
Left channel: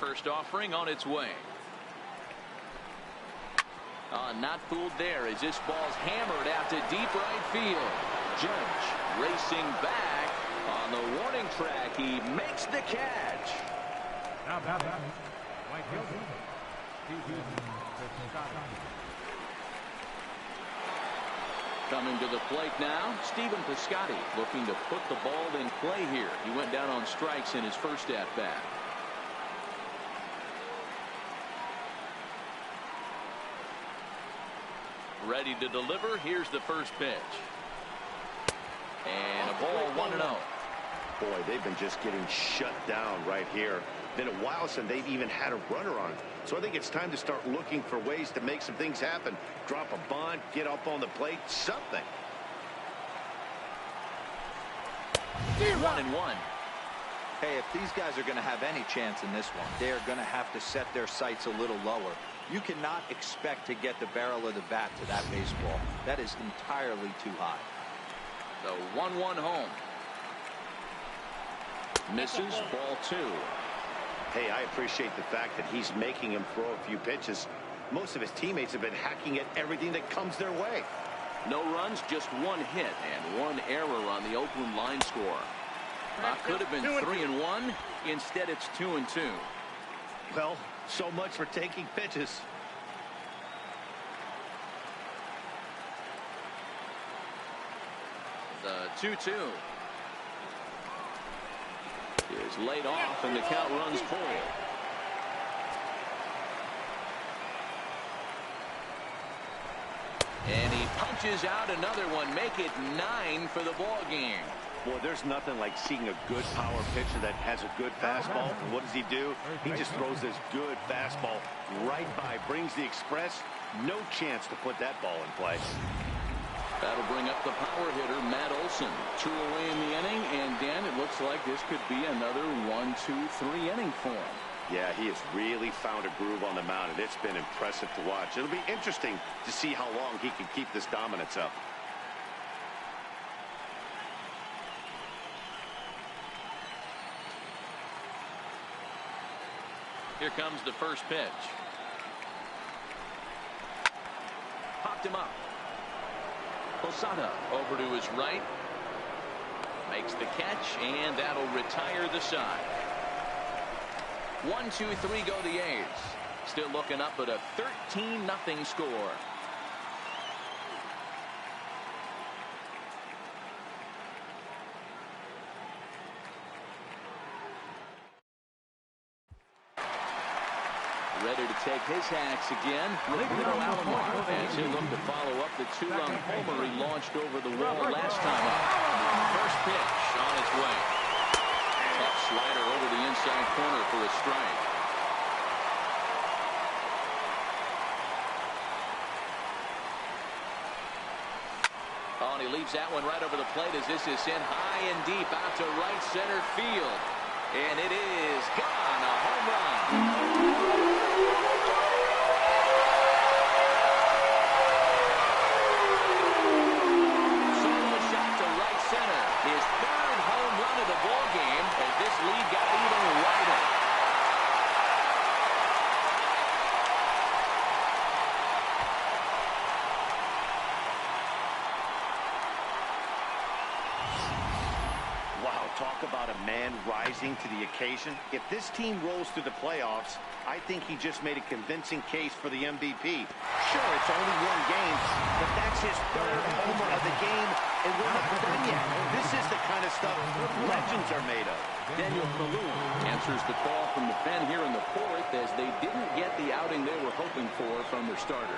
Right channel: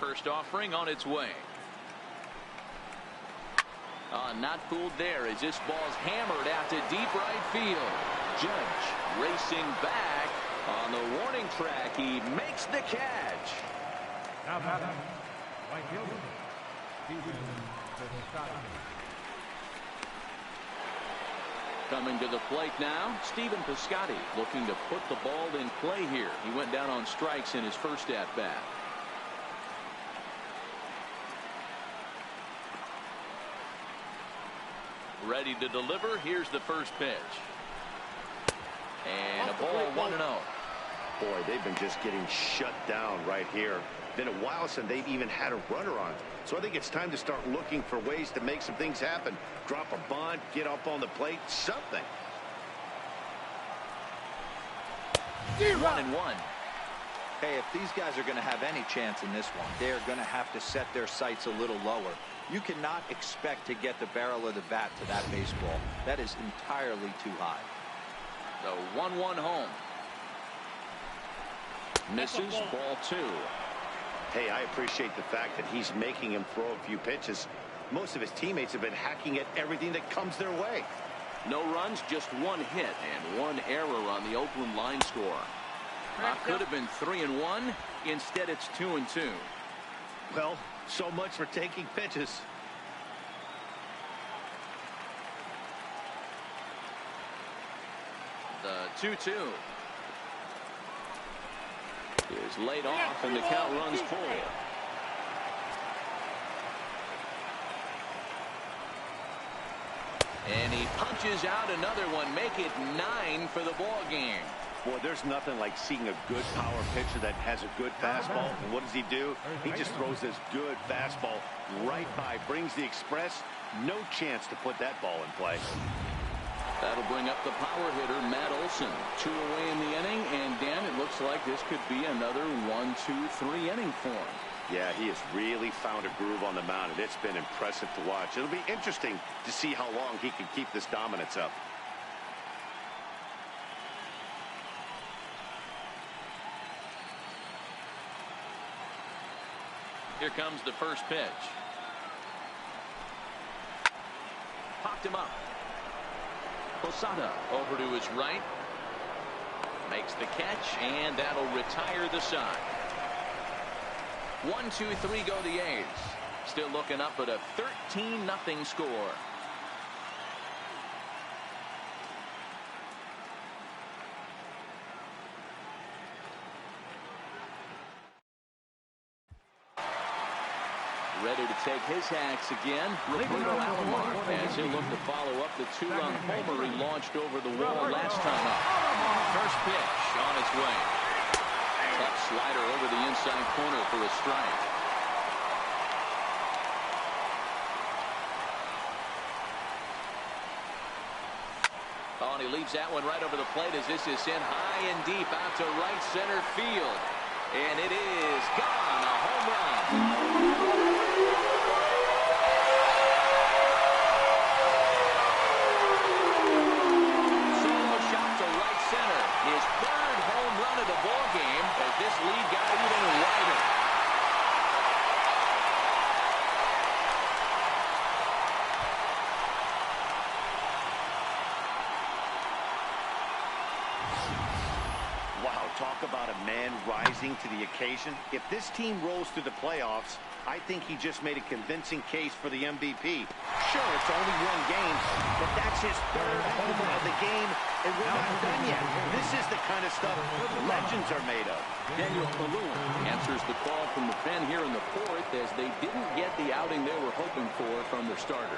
First offering on its way. Not fooled there as this ball's hammered out to deep right field. Judge racing back on the warning track. He makes the catch. Now batting, right fielder, Stephen Piscotty. Coming to the plate now, Stephen Piscotty looking to put the ball in play here. He went down on strikes in his first at-bat. Ready to deliver. Here's the first pitch. And a ball 1-0. Boy, they've been just getting shut down right here. Been a while since they've even had a runner on. So I think it's time to start looking for ways to make some things happen. Drop a bunt, get up on the plate, something. 1-1. Hey, if these guys are going to have any chance in this one, they are going to have to set their sights a little lower. You cannot expect to get the barrel of the bat to that baseball. That is entirely too high. The 1-1 home. Misses, ball 2. Hey, I appreciate the fact that he's making him throw a few pitches. Most of his teammates have been hacking at everything that comes their way. No runs, just 1 hit and 1 error on the Oakland line score. Could have been 3-1. Instead, it's 2-2. Well, so much for taking pitches. The 2-2 is laid off, and the count runs full. And he punches out another one, make it 9 for the ball game. Boy, there's nothing like seeing a good power pitcher that has a good fastball. And what does he do? He just throws this good fastball right by, brings the express. No chance to put that ball in play. That'll bring up the power hitter, Matt Olson. 2 away in the inning, and Dan, it looks like this could be another 1-2-3 inning for him. Yeah, he has really found a groove on the mound, and it's been impressive to watch. It'll be interesting to see how long he can keep this dominance up. Here comes the first pitch. Popped him up. Posada over to his right. Makes the catch, and that'll retire the side. 1-2-3 go the A's. Still looking up at a 13-0 score. Ready to take his hacks again, Roberto Alomar, as he'll look to follow up the 2-run homer he launched over the wall last time up. First pitch on its way. Tough slider over the inside corner for a strike. Oh, and he leaves that one right over the plate as this is sent high and deep out to right center field. And it is gone, a home run. Center, his 3rd home run of the ball game as this lead got even wider. Wow, talk about a man rising to the occasion. If this team rolls through the playoffs, I think he just made a convincing case for the MVP. Sure, it's only 1 game, but that's his 3rd homer of the game, and we're not done yet. This is the kind of stuff legends are made of. Daniel Kaluuya answers the call from the pen here in the 4th as they didn't get the outing they were hoping for from their starter.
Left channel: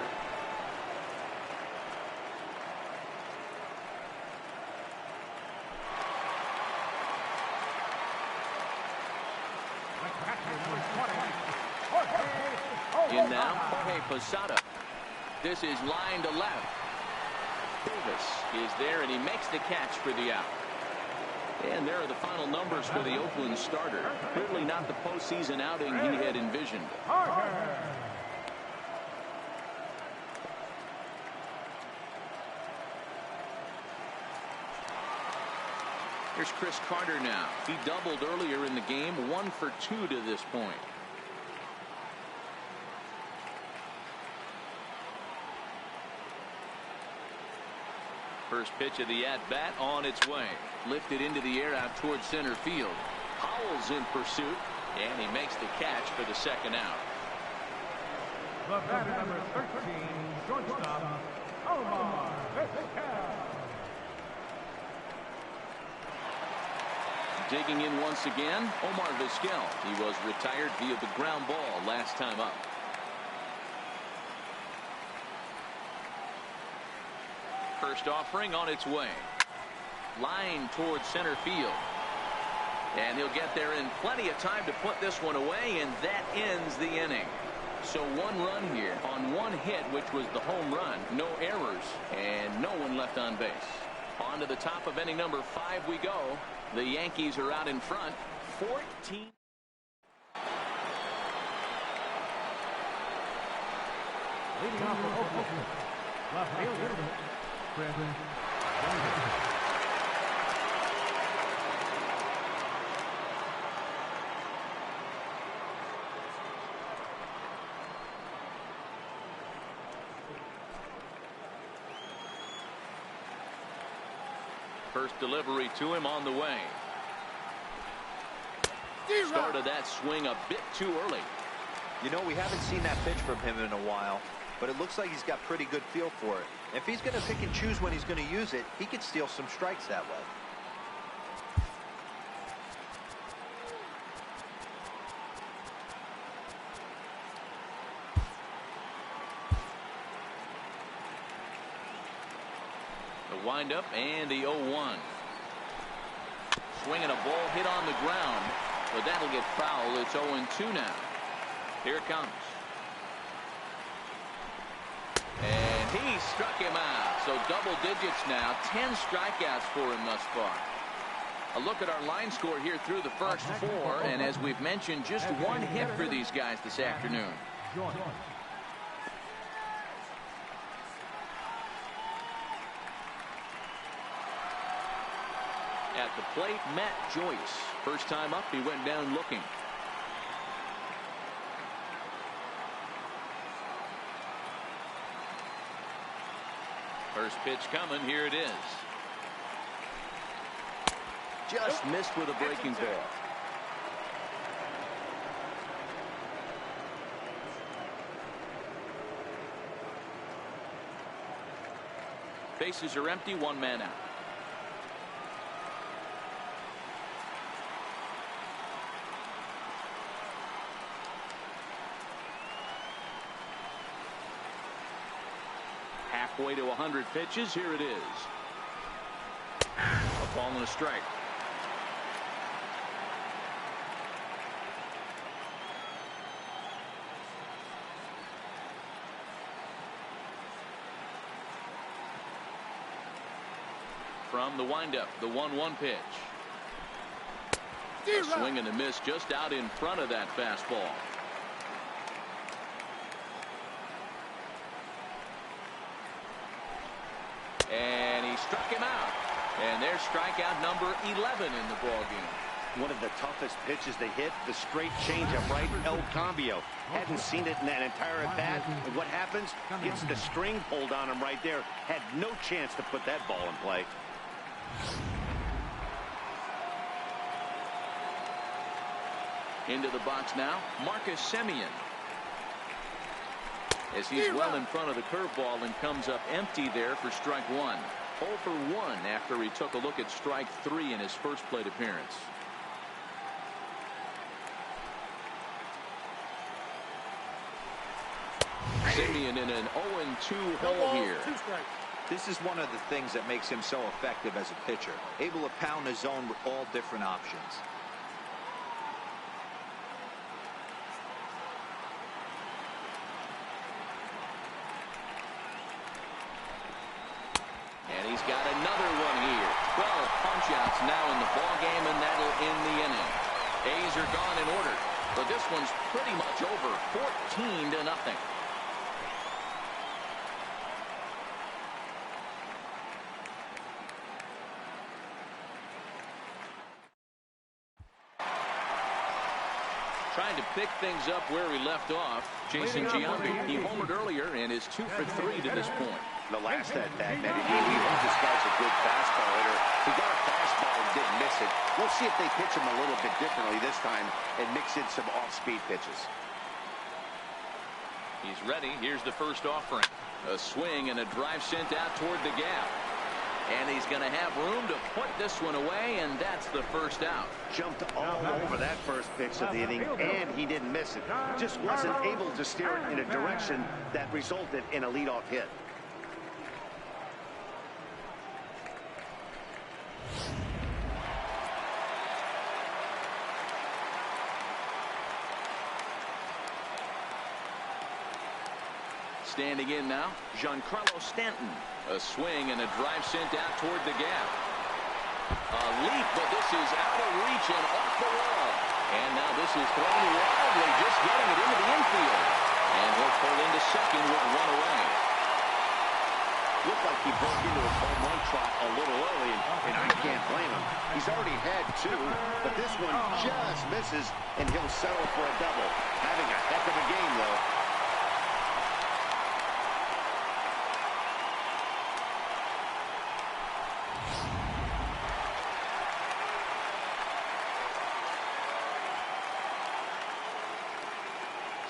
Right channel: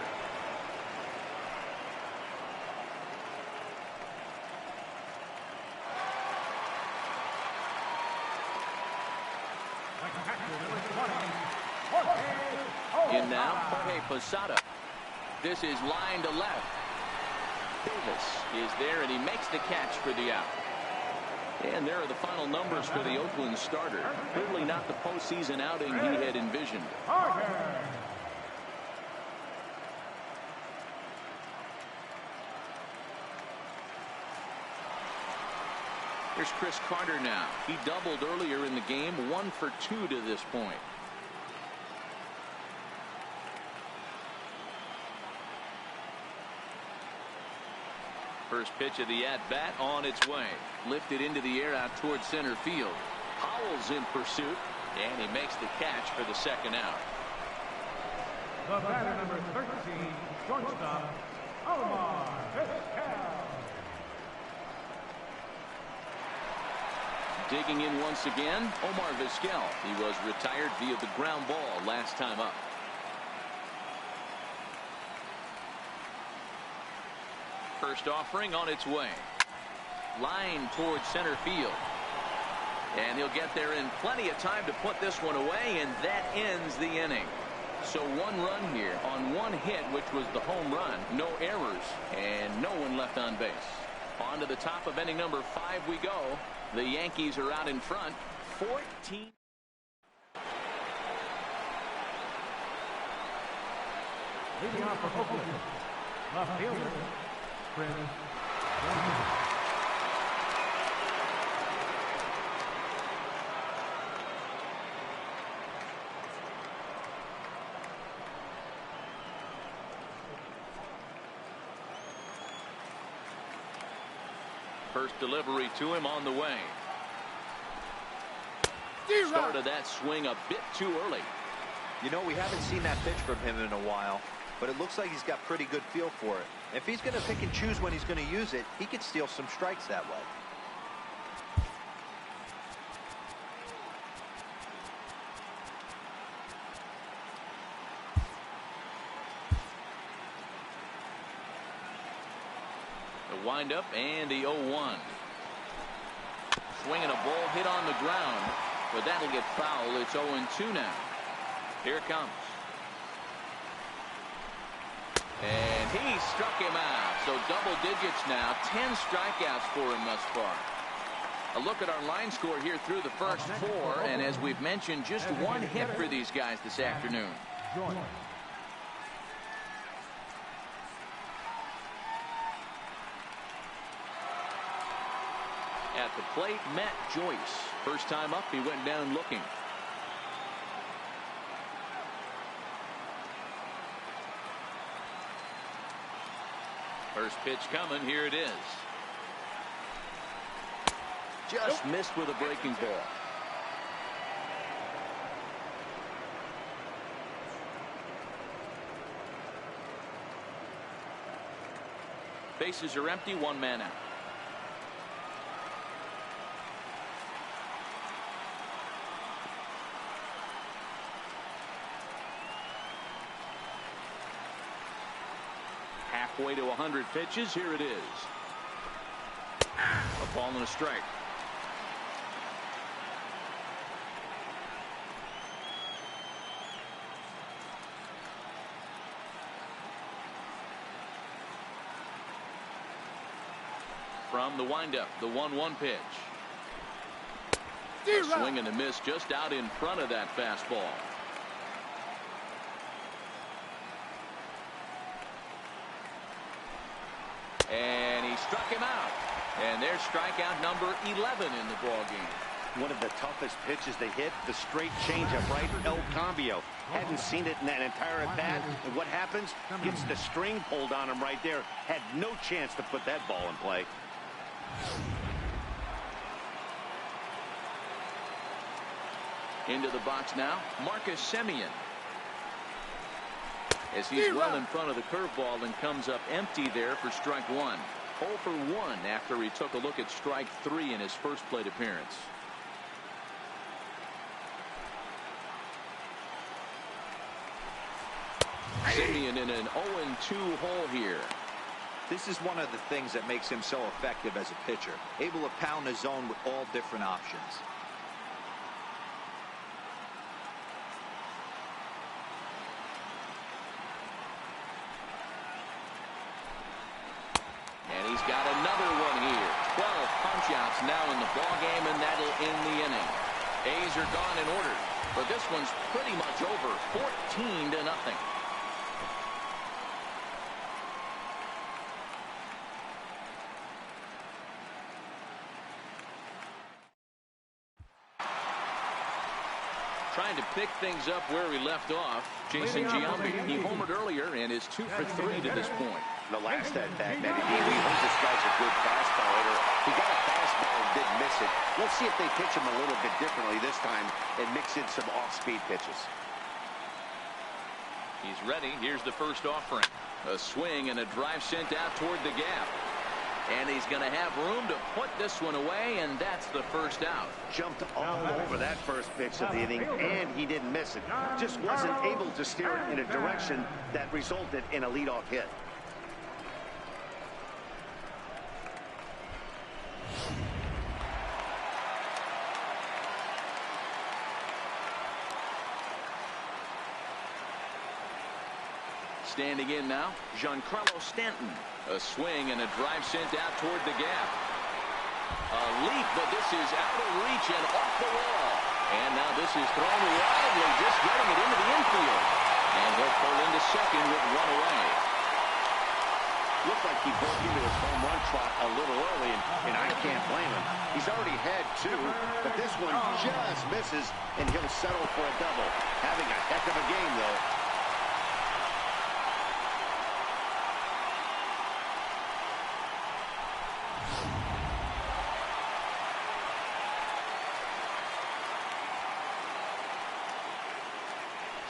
In now, Jorge Posada. This is line to left. Davis is there, and he makes the catch for the out. And there are the final numbers for the Oakland starter. Clearly not the postseason outing he had envisioned. Here's Chris Carter now. He doubled earlier in the game, 1 for 2 to this point. First pitch of the at-bat on its way. Lifted into the air out towards center field. Howell's in pursuit, and he makes the catch for the 2nd out. The batter, number 13, shortstop, Omar Vizquel. Digging in once again, Omar Vizquel. He was retired via the ground ball last time up. First offering on its way. Line towards center field. And he'll get there in plenty of time to put this one away, and that ends the inning. So 1 run here on 1 hit, which was the home run. No errors, and no one left on base. On to the top of inning number 5 we go. The Yankees are out in front, 14. Leading off for Oakland, left fielder, Chris Jones. First delivery to him on the way. Started that swing a bit too early. You know, we haven't seen that pitch from him in a while, but it looks like he's got pretty good feel for it. If he's going to pick and choose when he's going to use it, he could steal some strikes that way. The windup and the 0-1. Swinging a ball hit on the ground, but that'll get foul. It's 0-2 now. Here it comes. And he struck him out. So double digits now. 10 strikeouts for him thus far. A look at our line score here through the first 4. And as we've mentioned, just 1 hit for these guys this afternoon. At the plate, Matt Joyce. First time up, he went down looking. First pitch coming. Here it is. Just missed with a breaking ball. Bases are empty. 1 man out. Halfway to 100 pitches. Here it is. A ball and a strike. From the windup, the 1-1 pitch. A swing and a miss just out in front of that fastball. And he struck him out. And there's strikeout number 11 in the ball game. One of the toughest pitches they hit, the straight changeup, right? El Cambio. Hadn't seen it in that entire at bat. And what happens? Gets the string pulled on him right there. Had no chance to put that ball in play. Into the box now, Marcus Semien. As he's well in front of the curveball and comes up empty there for strike 1. 0 for 1 after he took a look at strike 3 in his first plate appearance. Semien in an 0-2 hole here. This is one of the things that makes him so effective as a pitcher. Able to pound the zone with all different options. And he's got another one here. 12 punch-outs now in the ball game, and that'll end the inning. A's are gone in order, but this one's pretty much over. 14-0. Trying to pick things up where we left off, Jason Giambi. He homered earlier and is 2 for 3 to this point. The last at bat, Matty D, we heard this guy's a good fastball hitter. He got a fastball and didn't miss it. We'll see if they pitch him a little bit differently this time and mix in some off-speed pitches. He's ready. Here's the first offering. A swing and a drive sent out toward the gap. And he's going to have room to put this one away, and that's the first out. Jumped all over that first pitch of the inning, and he didn't miss it. Just wasn't able to steer it in a direction that resulted in a leadoff hit. Standing in now, Giancarlo Stanton. A swing and a drive sent out toward the gap. A leap, but this is out of reach and off the wall. And now this is thrown wildly, just getting it into the infield. And he'll pull into second with one away. Looked like he broke into his home run trot a little early, and I can't blame him. He's already had 2, but this one just misses, and he'll settle for a double. Having a heck of a game, though.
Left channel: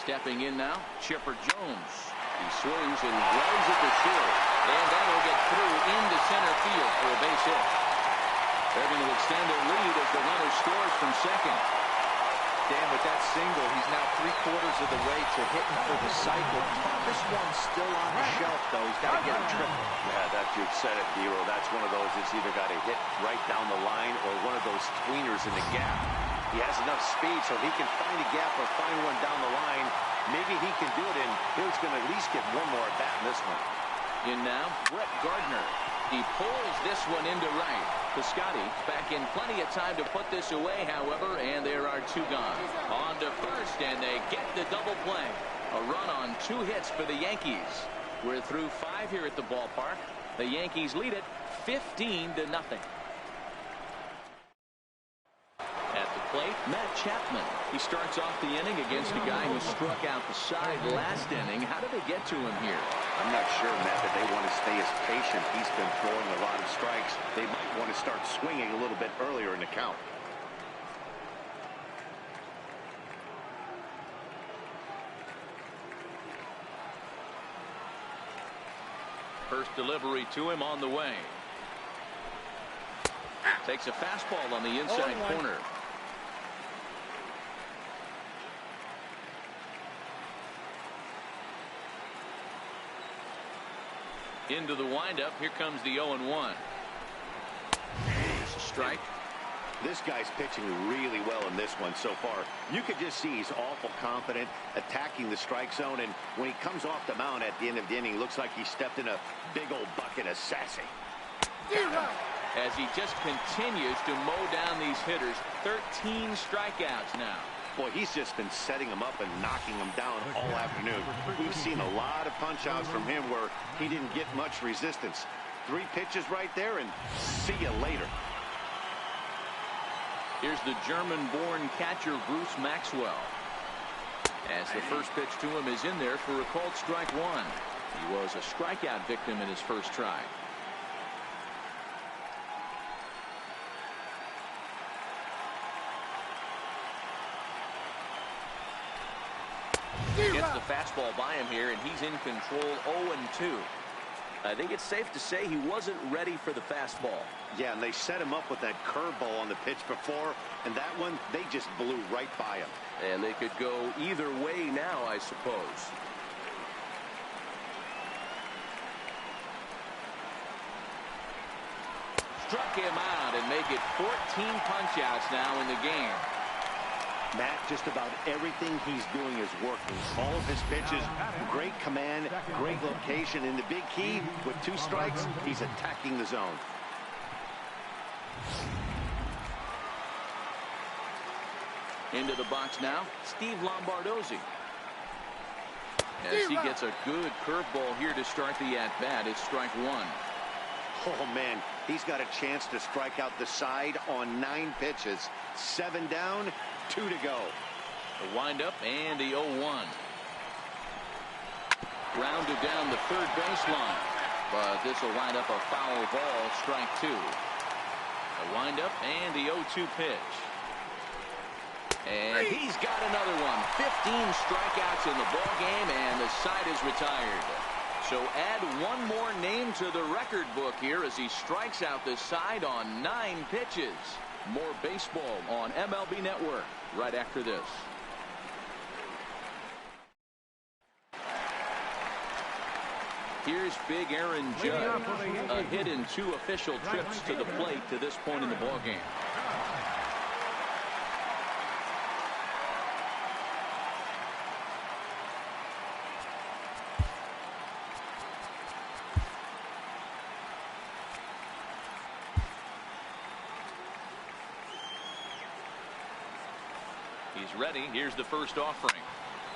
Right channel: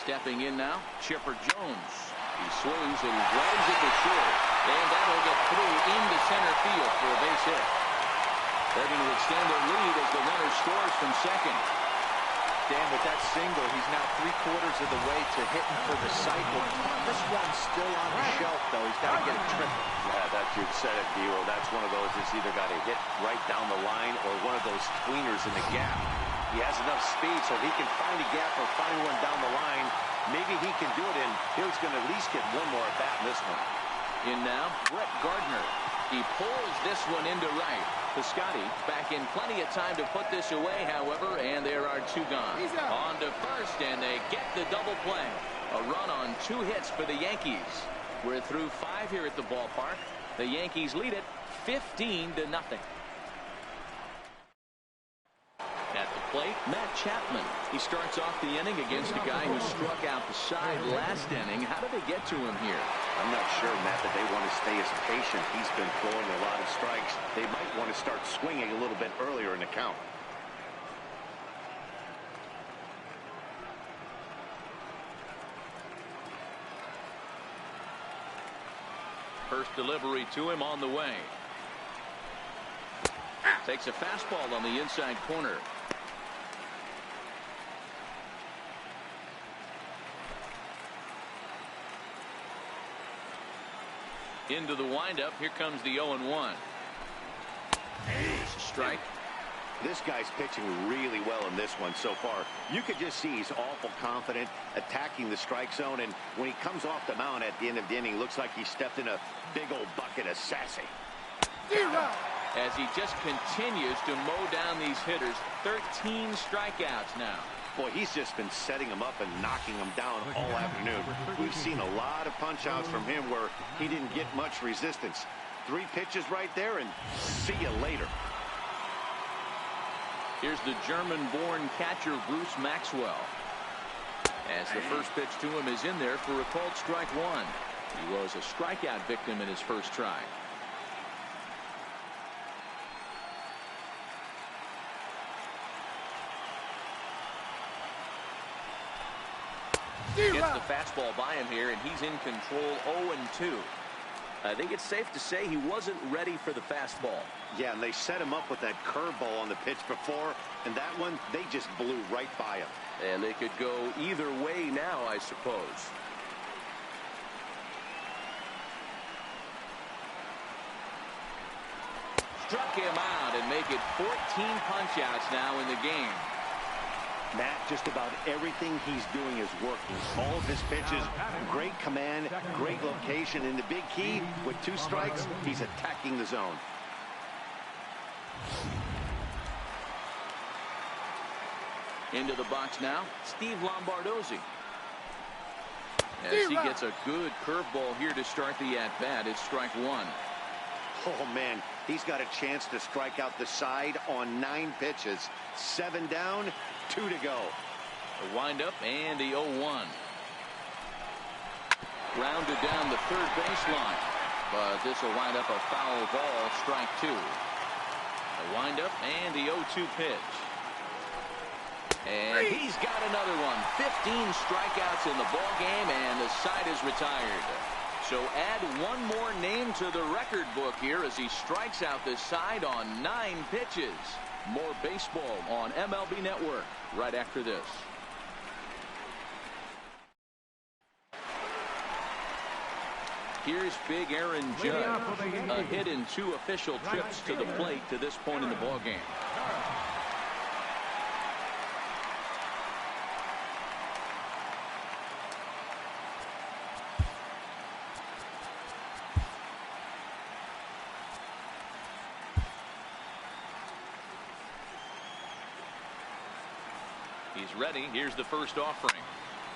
Stepping in now, Chipper Jones. He swings and grounds it to short. And that'll get through into center field for a base hit. They're going to extend their lead as the runner scores from second. Dan, with that single, he's now 3/4 of the way to hitting for the cycle. Toughest one still on the shelf, though. He's got to get a triple. Yeah, you said it, Dero. That's one of those that's either got to hit right down the line or one of those tweeners in the gap. He has enough speed, so if he can find a gap or find one down the line, maybe he can do it, and he's going to at least get one more at bat in this one. In now, Brett Gardner. He pulls this one into right. Piscotty back in plenty of time to put this away, however, and there are 2 gone. On to first, and they get the double play. A run on 2 hits for the Yankees. We're through 5 here at the ballpark. The Yankees lead it 15-0. At the plate, Matt Chapman. He starts off the inning against a guy who struck out the side last inning. How did they get to him here? I'm not sure, Matt, that they want to stay as patient. He's been throwing a lot of strikes. They might want to start swinging a little bit earlier in the count. First delivery to him on the way. Takes a fastball on the inside corner. Into the windup. Here comes the 0-1. It's a strike. This guy's pitching really well in this one so far. You could just see he's awful confident attacking the strike zone, and when he comes off the mound at the end of the inning, looks like he stepped in a big old bucket of sassy. As he just continues to mow down these hitters. 13 strikeouts now. Boy, he's just been setting them up and knocking them down all afternoon. We've seen a lot of punch-outs from him where he didn't get much resistance. 3 pitches right there, and see you later. Here's the German-born catcher Bruce Maxwell. As the first pitch to him is in there for a called strike 1. He was a strikeout victim in his first try. Gets the fastball by him here, and he's in control. 0-2. I think it's safe to say he wasn't ready for the fastball. Yeah, and they set him up with that curveball on the pitch before, and that one, they just blew right by him. And they could go either way now, I suppose. Struck him out and make it 14 punch-outs now in the game. Matt, just about everything he's doing is working. All of his pitches, great command, great location. And the big key, with 2 strikes, he's attacking the zone. Into the box now, Steve Lombardozzi. As he gets a good curveball here to start the at-bat, it's strike 1. Oh, man, he's got a chance to strike out the side on 9 pitches. 7 down, 2 to go. The windup and the 0-1. Grounded down the third baseline. But this will wind up a foul ball, strike 2. The windup and the 0-2 pitch. And he's got another one. 15 strikeouts in the ball game, and the side is retired. So add one more name to the record book here as he strikes out the side on 9 pitches. More baseball on MLB Network right after this. Here's big Aaron Judge. A hit in 2 official trips to the plate to this point in the ball game. He's ready. Here's the first offering.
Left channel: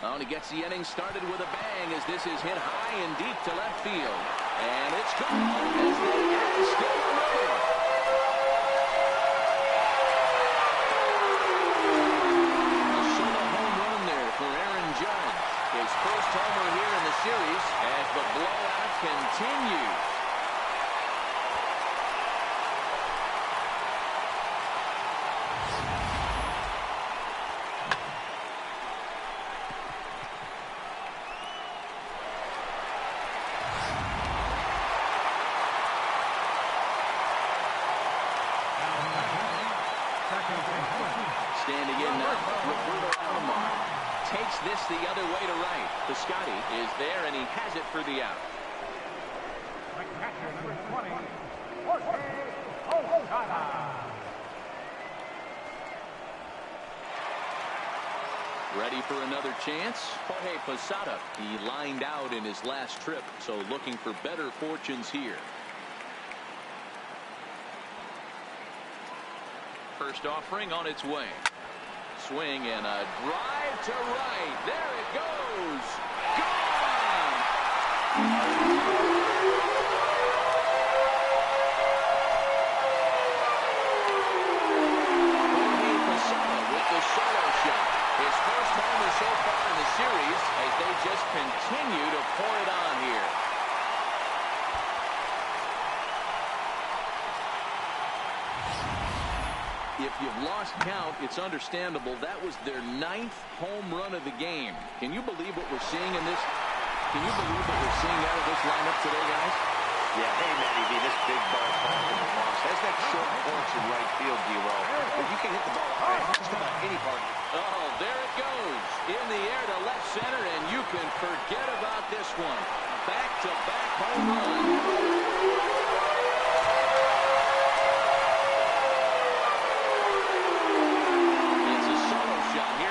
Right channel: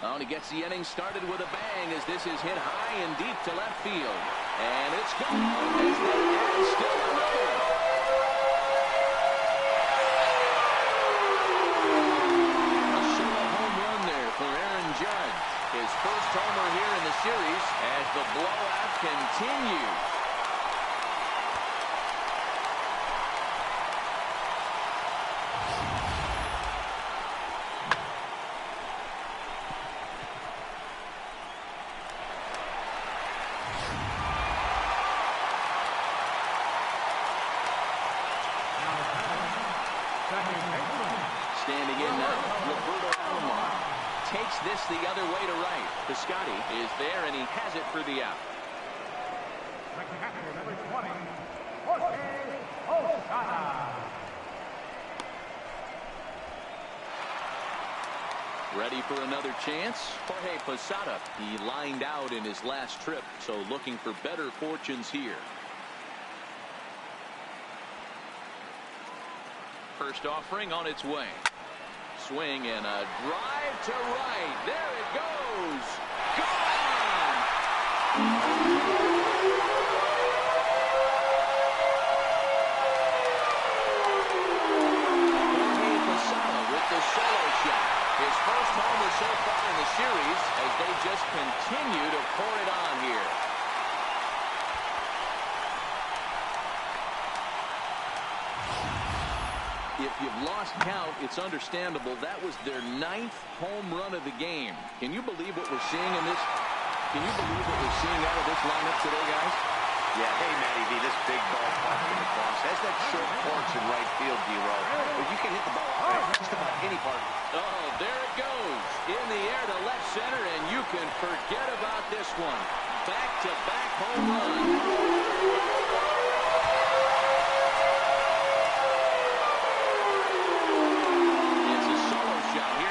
Oh, and he gets the inning started with a bang as this is hit high and deep to left field. And it's gone as they add still another. A solo home run there for Aaron Judge. His first homer here in the series as the blowout continues. Standing in now, Roberto Alomar takes this the other way to right. Piscotty is there, and he has it for the out. Catcher number 20, Jorge Posada. Ready for another chance? Jorge Posada. He lined out in his last trip, so looking for better fortunes here. First offering on its way. Swing and a drive to right. There it goes. Gone. Jorge Posada with the solo shot. His first homer so far in the series as they just continue to pour it on here. If you've lost count, it's understandable. That was their 9th home run of the game. Can you believe what we're seeing in this? Can you believe what we're seeing out of this lineup today, guys? Yeah, hey, Matty V, this big ball popped in the box. That's that short porch in right field, D-Row. But you can hit the ball out just about any part. Oh, there it goes. In the air to left center, and you can forget about this one. Back-to-back home run.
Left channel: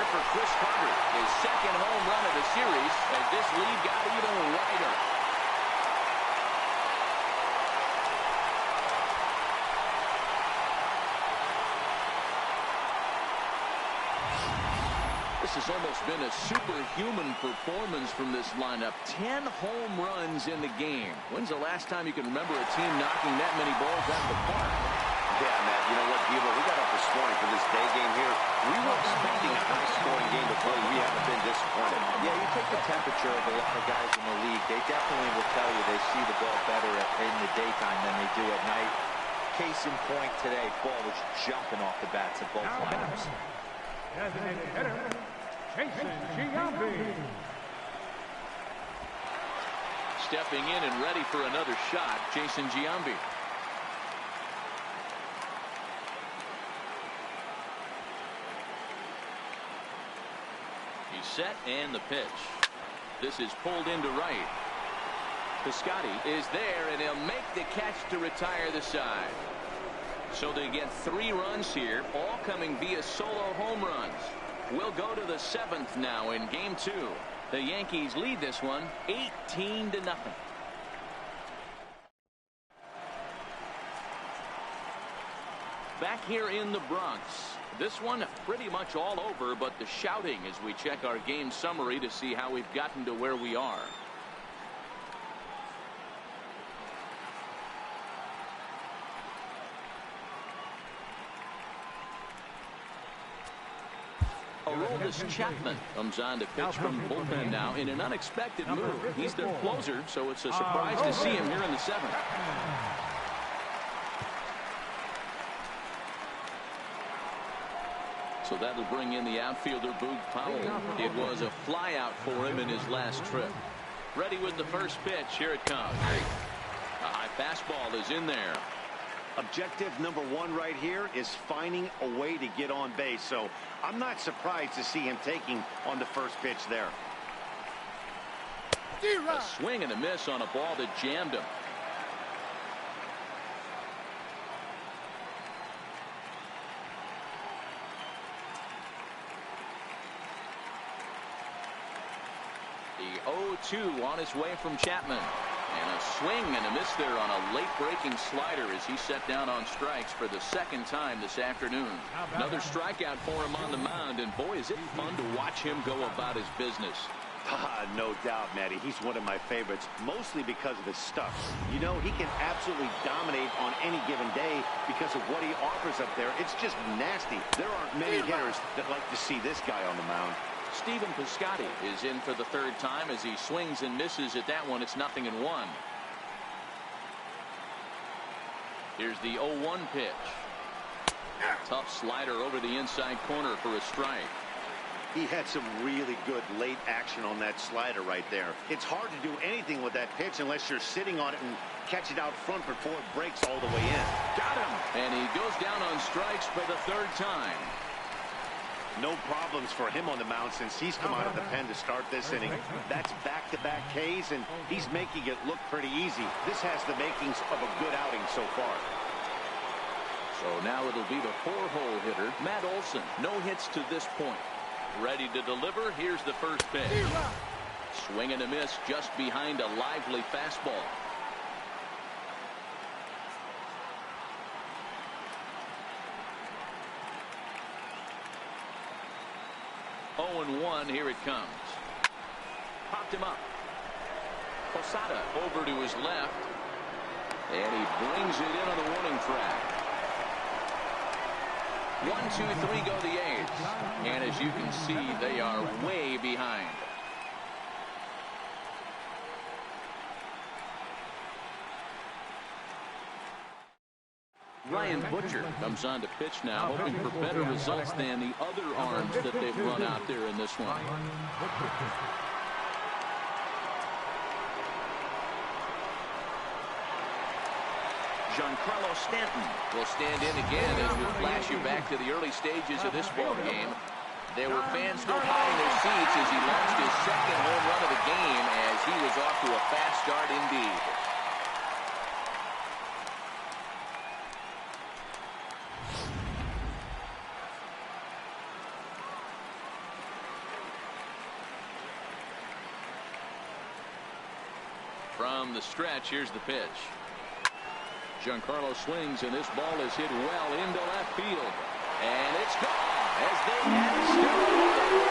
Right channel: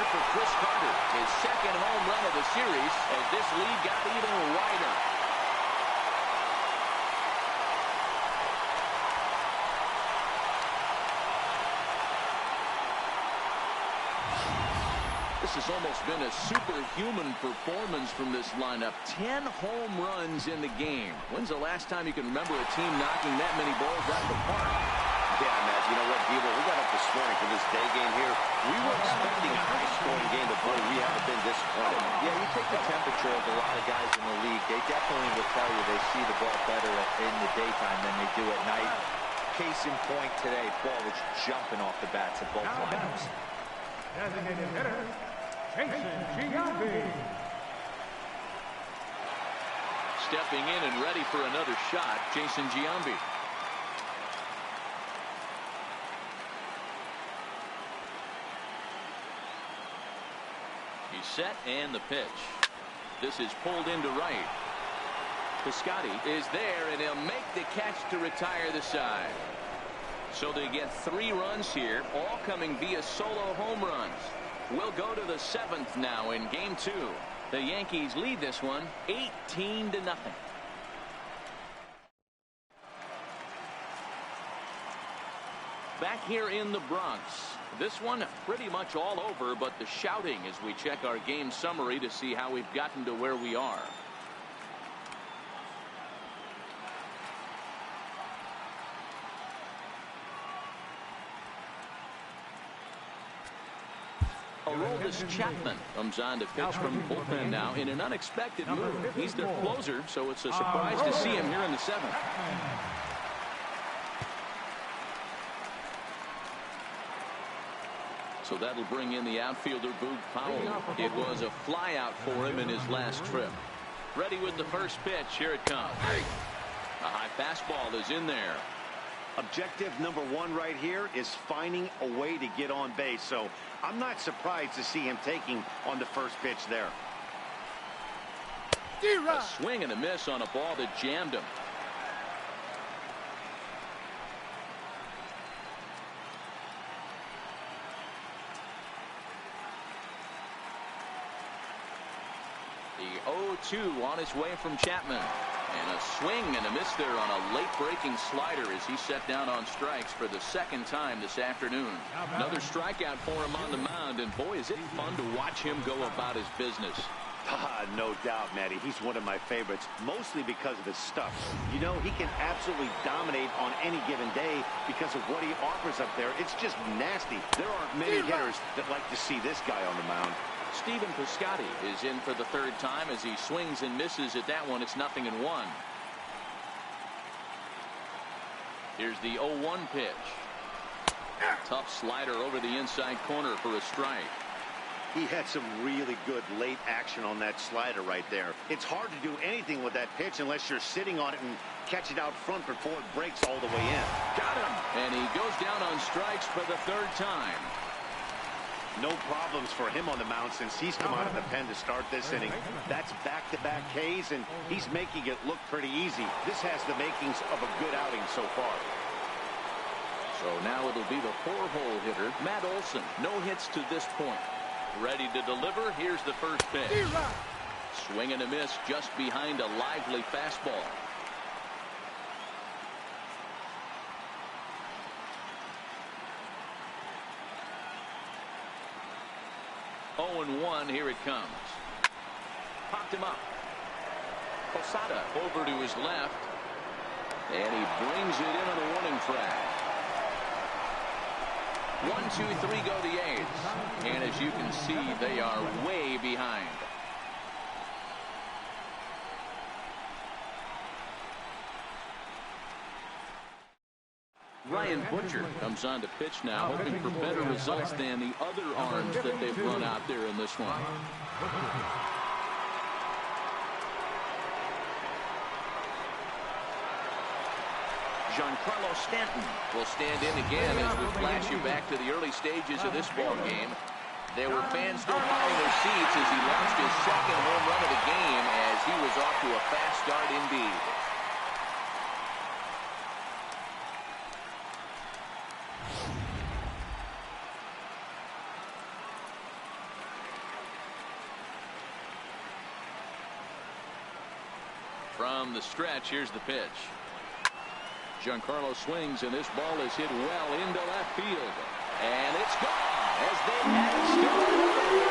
For Chris Carter, his second home run of the series as this lead got even wider. This has almost been a superhuman performance from this lineup. 10 home runs in the game. When's the last time you can remember a team knocking that many balls out of the park? Yeah, Matt, you know what, Devo, we got up this morning for this day game here. We were expecting a high-scoring game, but boy, we haven't been disappointed. Yeah, you take the temperature of a lot of guys in the league. They definitely will tell you they see the ball better in the daytime than they do at night. Case in point today, ball was jumping off the bats of both lineups. Designated hitter, Jason Giambi. Stepping in and ready for another shot, Jason Giambi. He's set and the pitch. This is pulled into right. Piscotty is there and he'll make the catch to retire the side. So they get 3 runs here, all coming via solo home runs. We'll go to the 7th now in game 2. The Yankees lead this one 18-0. Back here in the Bronx. This one pretty much all over, but the shouting as we check our game summary to see how we've gotten to where we are. Aroldis Chapman comes on to pitch from the bullpen now in an unexpected move. He's their closer, so it's a surprise to see him here in the 7th. So that'll bring in the outfielder, Boog Powell. It was a flyout for him in his last trip. Ready with the first pitch. Here it comes. A high fastball is in there. Objective number 1 right here is finding a way to get on base. So I'm not surprised to see him taking on the first pitch there. A swing and a miss on a ball that jammed him. The 0-2 on his way from Chapman. And a swing and a miss there on a late-breaking slider as he set down on strikes for the second time this afternoon. Another strikeout for him on the mound, and boy, is it fun to watch him go about his business. No doubt, Matty. He's one of my favorites, mostly because of his stuff. You know, he can absolutely dominate on any given day because of what he offers up there. It's just nasty. There aren't many hitters that like to see this guy on the mound. Stephen Piscotty is in for the third time as he swings and misses at that one. It's 0-1. Here's the 0-1 pitch. Tough slider over the inside corner for a strike. He had some really good late action on that slider right there. It's hard to do anything with that pitch unless you're sitting on it and catch it out front before it breaks all the way in. Got him. And he goes down on strikes for the third time. No problems for him on the mound since he's come out of the pen to start this inning. That's back-to-back Ks, and he's making it look pretty easy. This has the makings of a good outing so far. So now it'll be the 4-hole hitter, Matt Olson. No hits to this point. Ready to deliver. Here's the first pitch. Swing and a miss just behind a lively fastball. Oh, and 1. Here it comes. Popped him up. Posada over to his left. And he brings it in on the warning track. 1, 2, 3 go the A's. And as you can see, they are way behind. Ryan Butcher comes on to pitch now, hoping for better results than the other arms that they've run out there in this one. Giancarlo Stanton will stand in again as we flash you back to the early stages of this ball game. There were fans still finding their seats as he launched his second home run of the game as he was off to a fast start indeed. From the stretch, here's the pitch. Giancarlo swings, and this ball is hit well into left field. And it's gone as they had it still alive.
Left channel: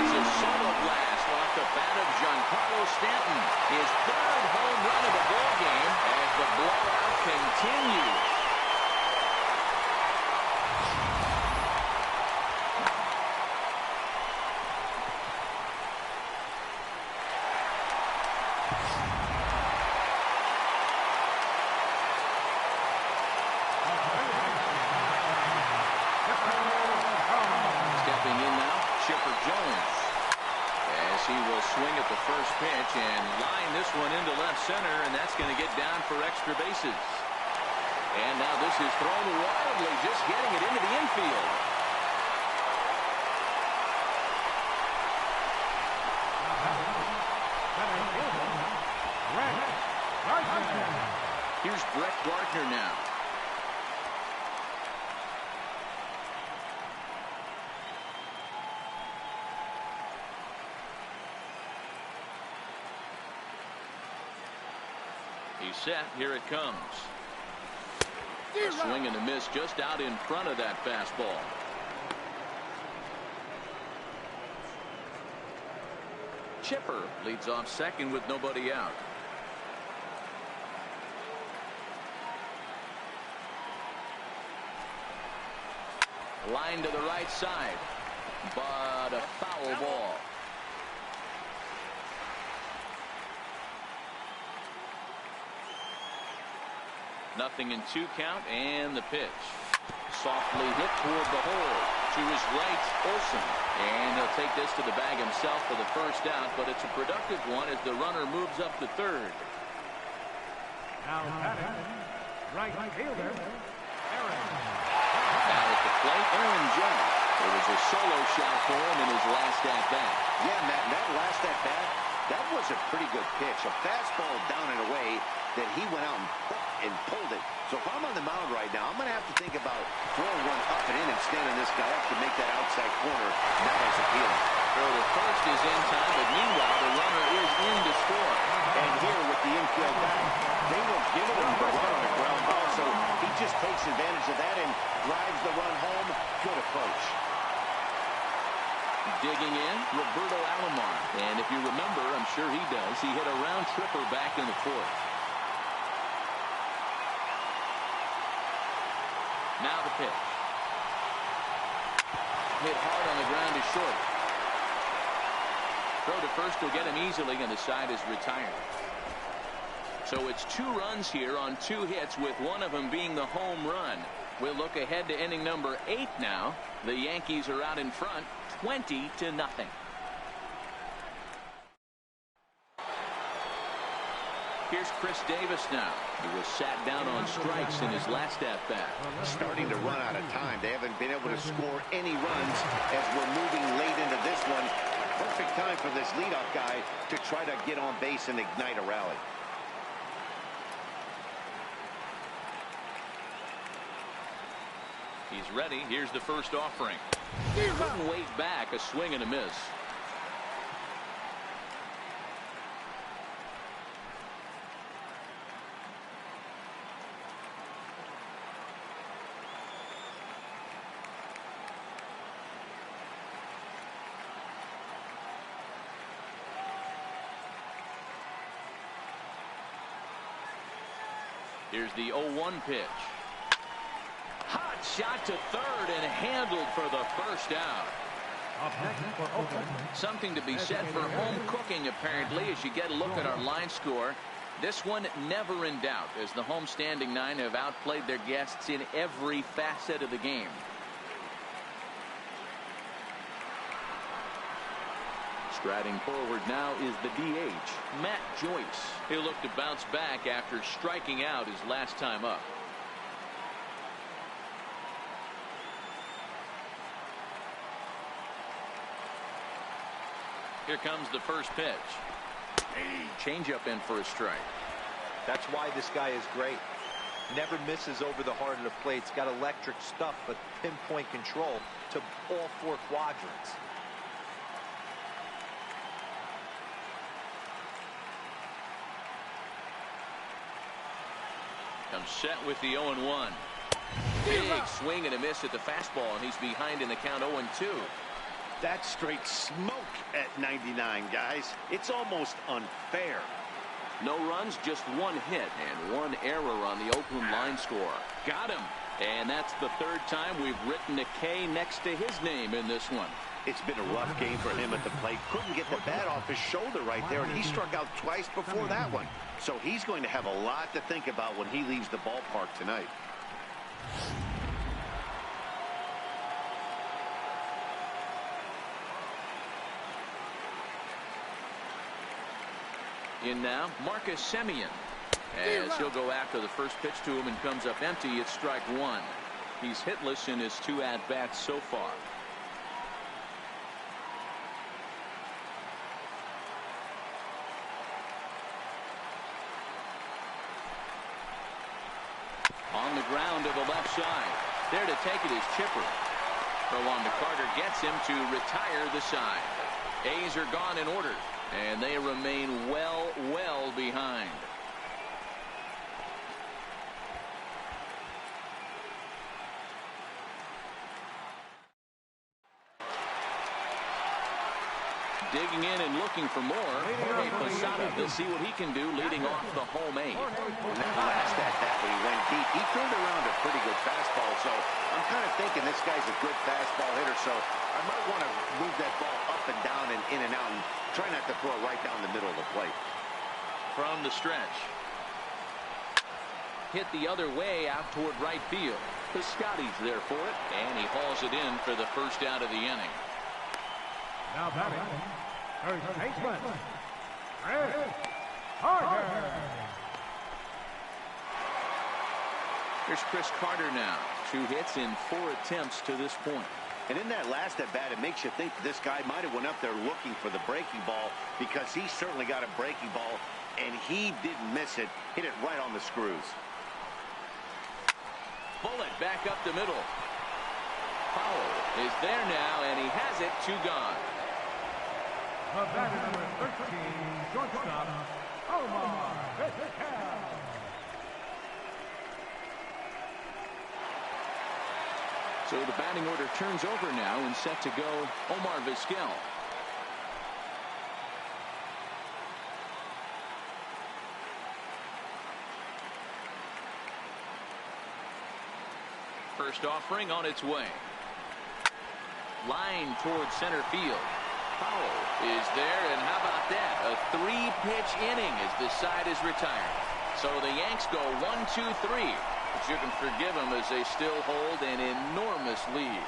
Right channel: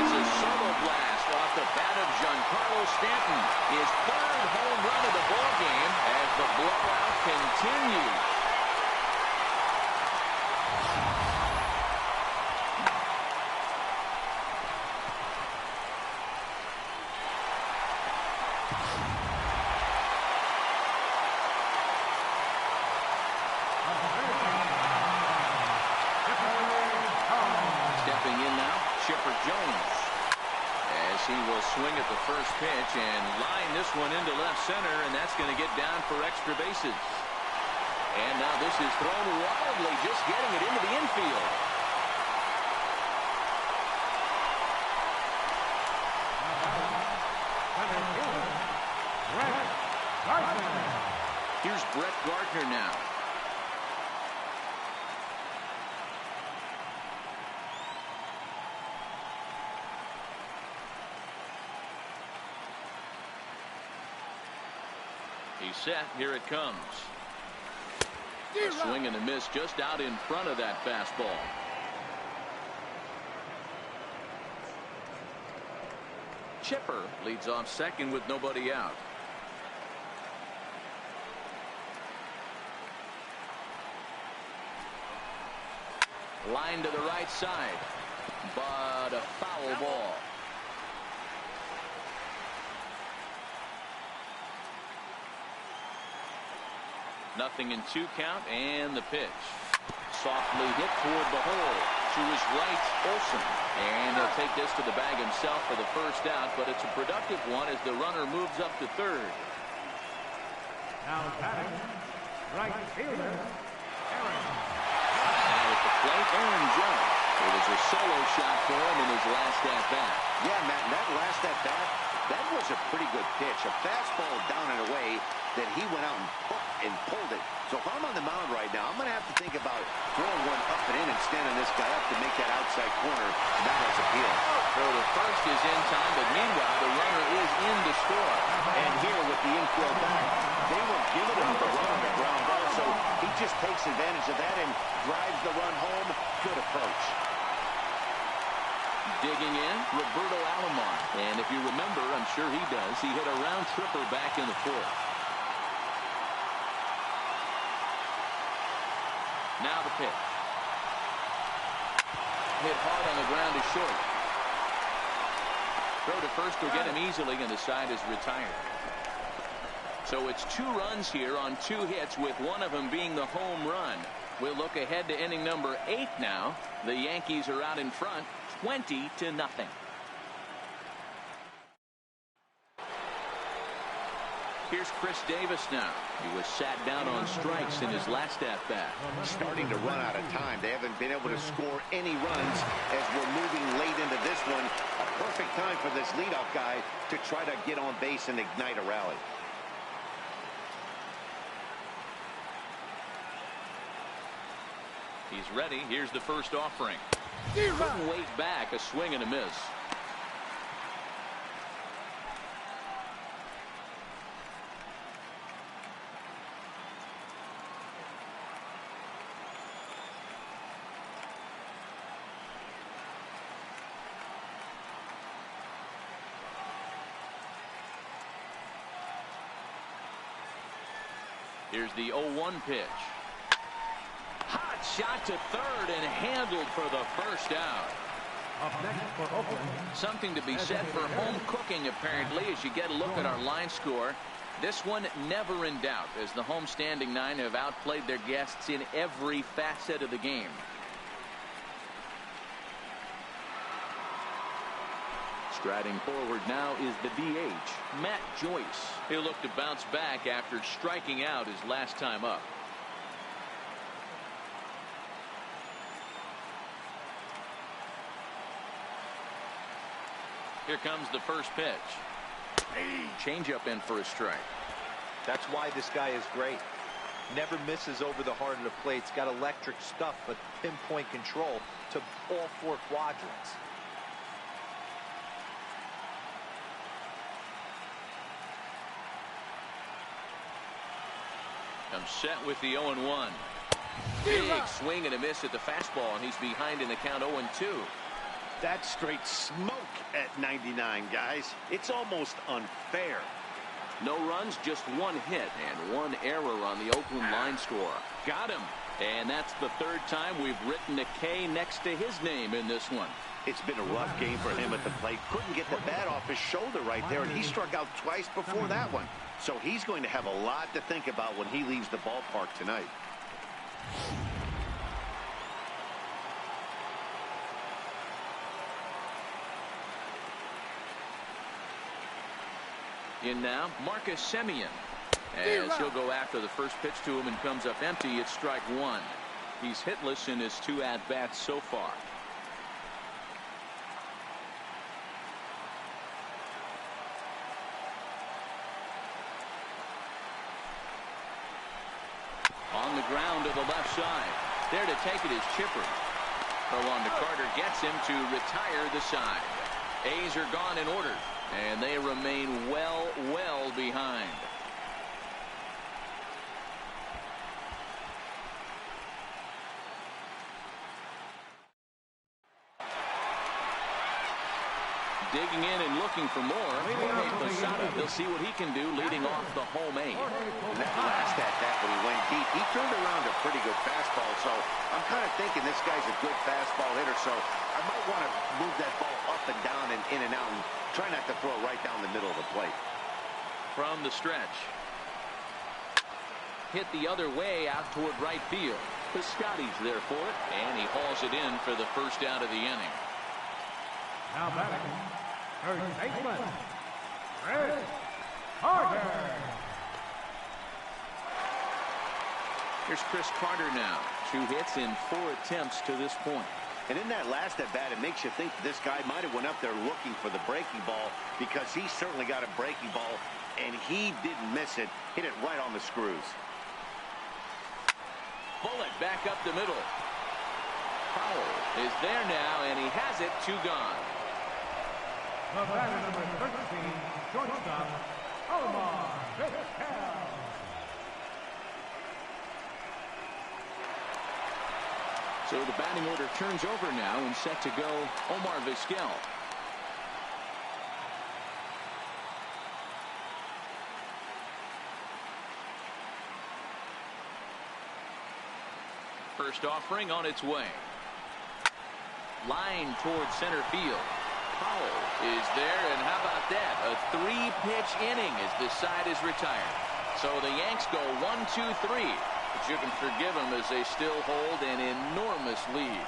It's a solo blast off the bat of Giancarlo Stanton. His third home run of the ball game as the blowout continues. Stepping in now, Chipper Jones, as he will swing at the first pitch and line this one into left center, and that's going to get down for extra bases. And now this is thrown wildly, just getting it into the infield. Here's Brett Gardner now. He's set. Here it comes. A swing and a miss just out in front of that fastball. Chipper leads off second with nobody out. Line to the right side, but a foul ball. Nothing in 2 count, and the pitch. Softly hit toward the hole. To his right, Olson. And he'll take this to the bag himself for the first out, but it's a productive one as the runner moves up to third. Now batting, right fielder, Aaron. Now at the plate, Aaron Judge. It was a solo shot for him in his last at-bat. Yeah, Matt, that last at-bat, That was a pretty good pitch. A fastball down and away that he went out and pulled it. So if I'm on the mound right now, I'm going to have to think about throwing one up and in and standing this guy up to make that outside corner not as appealing. Throw to first is in time, but meanwhile, the runner is in to score. And here with the infield back, they will give it him the run on the ground ball. So he just takes advantage of that and drives the run home. Good approach. Digging in, Roberto Alomar. And if you remember, I'm sure he does, he hit a round tripper back in the fourth. Now the pitch. Hit hard on the ground is short. Throw to first will get him easily, and the side is retired. So it's 2 runs here on 2 hits, with one of them being the home run. We'll look ahead to inning number 8 now. The Yankees are out in front, 20-0. Here's Chris Davis now. He was sat down on strikes in his last at-bat. Starting to run out of time. They haven't been able to score any runs as we're moving late into this one. A perfect time for this leadoff guy to try to get on base and ignite a rally. He's ready. Here's the first offering. Couldn't wait back. A swing and a miss. Here's the 0-1 pitch. Hot shot to third and handled for the first out. Up next for Oakland. Something to be said for home cooking, apparently, as you get a look at our line score. This one never in doubt, as the home standing 9 have outplayed their guests in every facet of the game. Striding forward now is the DH, Matt Joyce. He'll look to bounce back after striking out his last time up. Here comes the first pitch. Changeup in for a strike. That's why this guy is great. Never misses over the heart of the plate. He's got electric stuff, but pinpoint control to all 4 quadrants. Comes set with the 0-1. Big swing and a miss at the fastball, and he's behind in the count 0-2. That's straight smoke at 99, guys. It's almost unfair. No runs, just 1 hit and 1 error on the Oakland line score. Got him. And that's the 3rd time we've written a K next to his name in this one. It's been a rough game for him at the plate. Couldn't get the bat off his shoulder right there, and he struck out twice before that one. So he's going to have a lot to think about when he leaves the ballpark tonight. In now, Marcus Semien. As he'll go after the first pitch to him and comes up empty, it's strike 1. He's hitless in his 2 at-bats so far. On the ground to the left side. There to take it is Chipper. Throw on to Carter gets him to retire the side. A's are gone in order, and they remain well behind. Digging in and looking for more. Jorge Posada, he'll see what he can do leading off the home 8. And that last at-bat when he went deep, he turned around a pretty good fastball. So I'm kind of thinking this guy's a good fastball hitter. So I might want to move that ball up and down and in and out and try not to throw it right down the middle of the plate. From the stretch. Hit the other way out toward right field. Piscotty's there for it, and he hauls it in for the first out of the inning. Now batting, third baseman, Chris Carter. Here's Chris Carter now. 2 hits in 4 attempts to this point. And in that last at bat, it makes you think this guy might have went up there looking for the breaking ball, because he certainly got a breaking ball, and he didn't miss it. Hit it right on the screws. Bullet back up the middle. Powell is there now, and he has it. 2 gone. The batter, number 13, shortstop, Omar Vizquel. So the batting order turns over now, and set to go Omar Vizquel. First offering on its way. Line towards center field. Powell is there, and how about that? A 3-pitch inning as this side is retired. So the Yanks go 1-2-3. But you can forgive them as they still hold an enormous lead.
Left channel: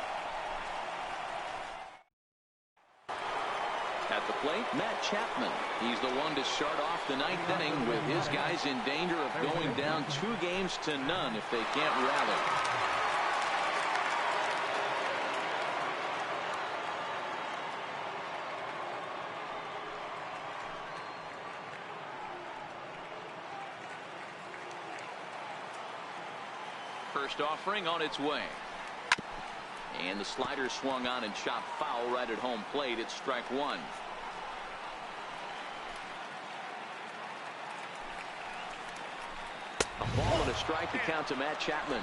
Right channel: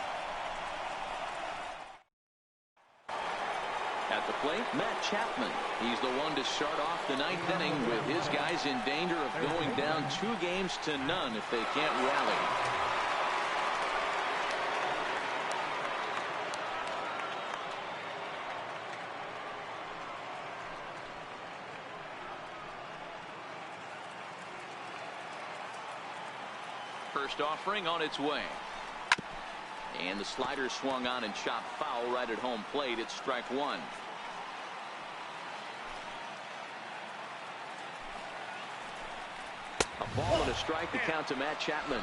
At the plate, Matt Chapman. He's the one to start off the 9th inning with his guys in danger of going down 2-0 if they can't rally. First offering on its way. And the slider swung on and chopped foul right at home plate. It's strike 1. A ball and a strike to count to Matt Chapman.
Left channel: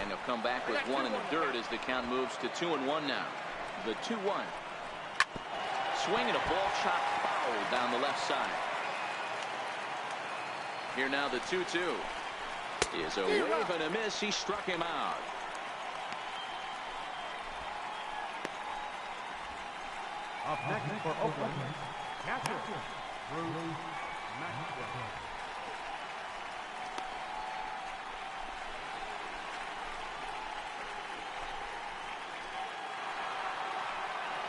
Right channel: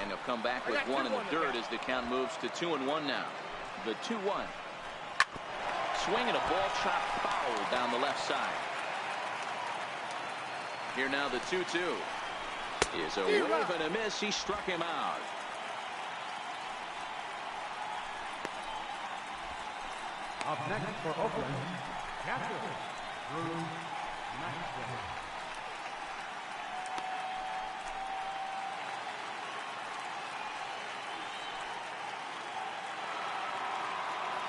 And he'll come back with 1 in the dirt as the count moves to 2-1 now. The 2-1. Swing and a ball chopped foul down the left side. Here now the 2-2 is a wave and a miss. He struck him out. Up next for Oakland, catcher Bruce Maxwell.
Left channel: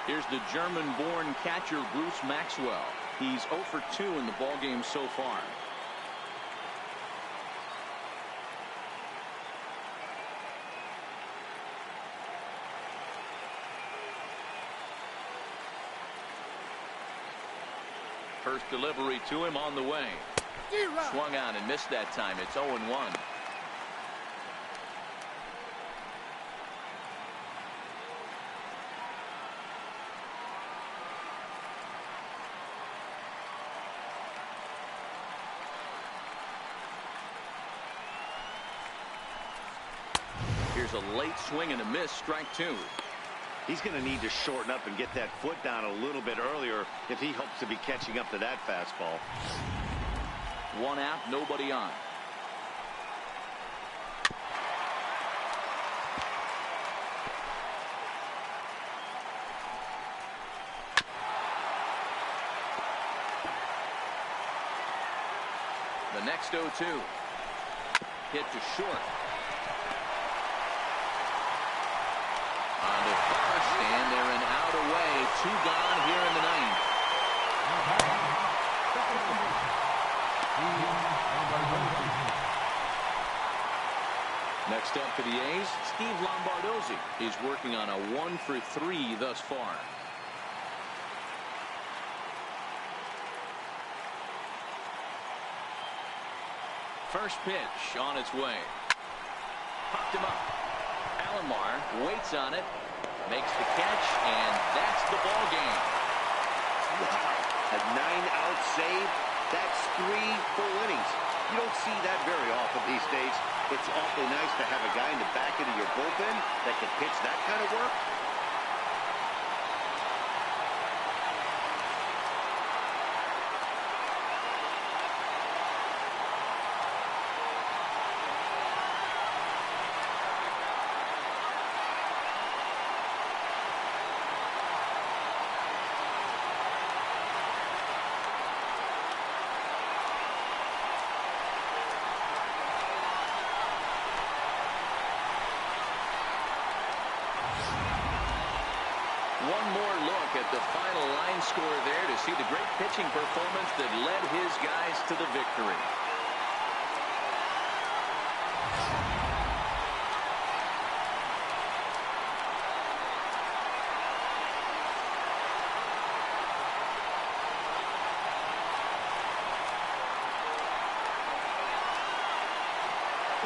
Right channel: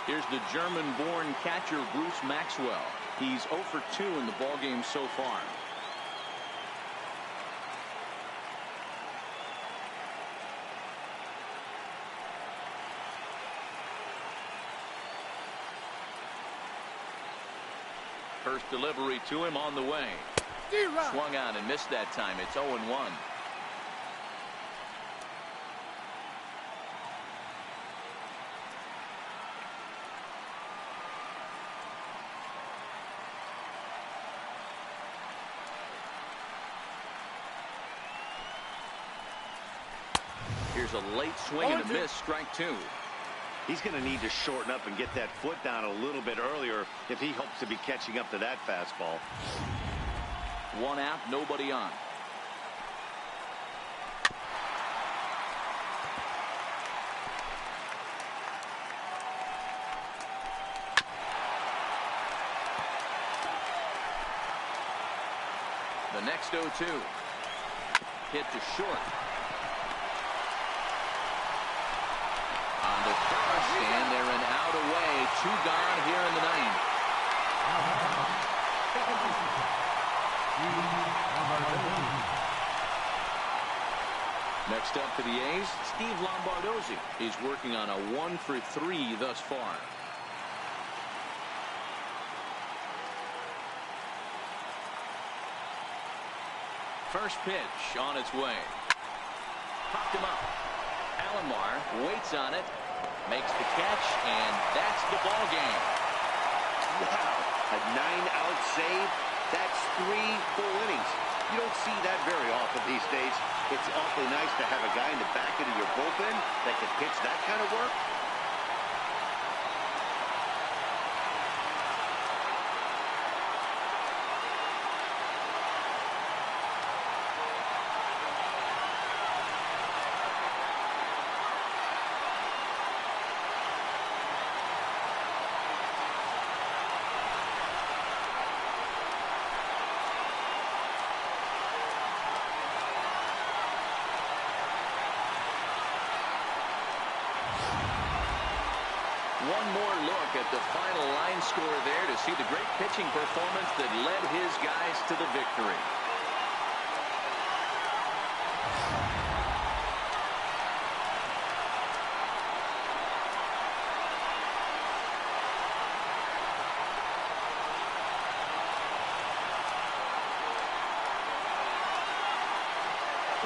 Here's the German-born catcher Bruce Maxwell. He's 0 for 2 in the ballgame so far. First delivery to him on the way. Swung on and missed that time. It's 0-1. Here's a late swing and a miss. Strike 2. He's going to need to shorten up and get that foot down a little bit earlier if he hopes to be catching up to that fastball. 1 out, nobody on. The next 0-2. Hit to short. On to first, and they're an out away. 2 gone here in the 9th. Now batting, second baseman, Steve Lombardozzi. Next up for the A's, Steve Lombardozzi. He's working on a 1 for 3 thus far. First pitch on its way. Popped him up. Alomar waits on it, makes the catch, and that's the ball game. Wow, a 9-out save. That's 3 full innings. You don't see that very often these days. It's awfully nice to have a guy in the back end of your bullpen that can pitch that kind of work. One more look at the final line score there to see the great pitching performance that led his guys to the victory.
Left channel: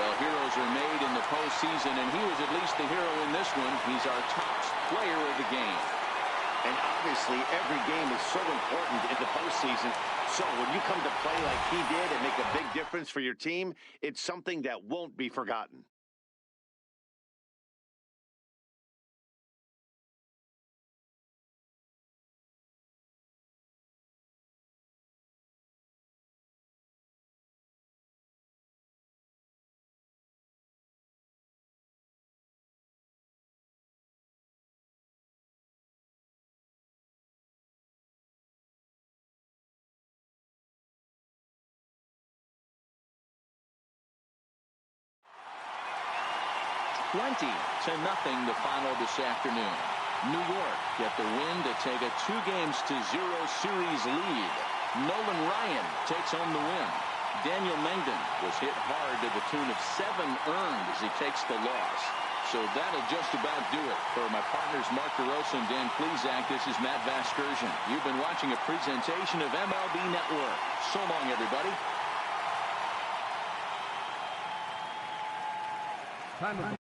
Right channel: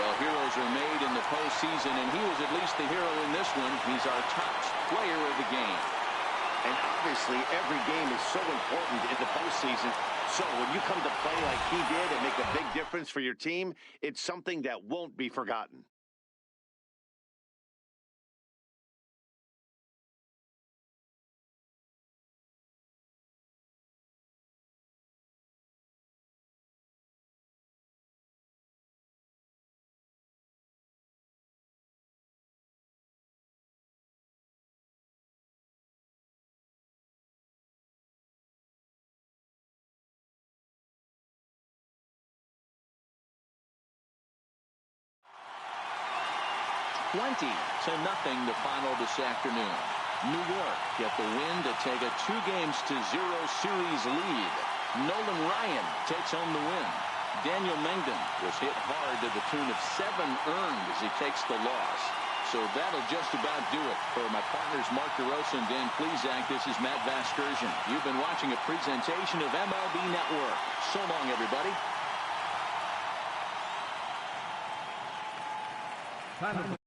Well, heroes are made in the postseason, and he was at least the hero in this one. He's our top player of the game. And obviously, every game is so important in the postseason. So when you come to play like he did and make a big difference for your team, it's something that won't be forgotten. $20-0 the final this afternoon. New York get the win to take a 2-0 series lead. Nolan Ryan takes home the win. Daniel Mengden was hit hard to the tune of 7 earned as he takes the loss. So that'll just about do it. For my partners Mark DeRosa and Dan Plesac, this is Matt Vasgersian. You've been watching a presentation of MLB Network. So long, everybody. Time of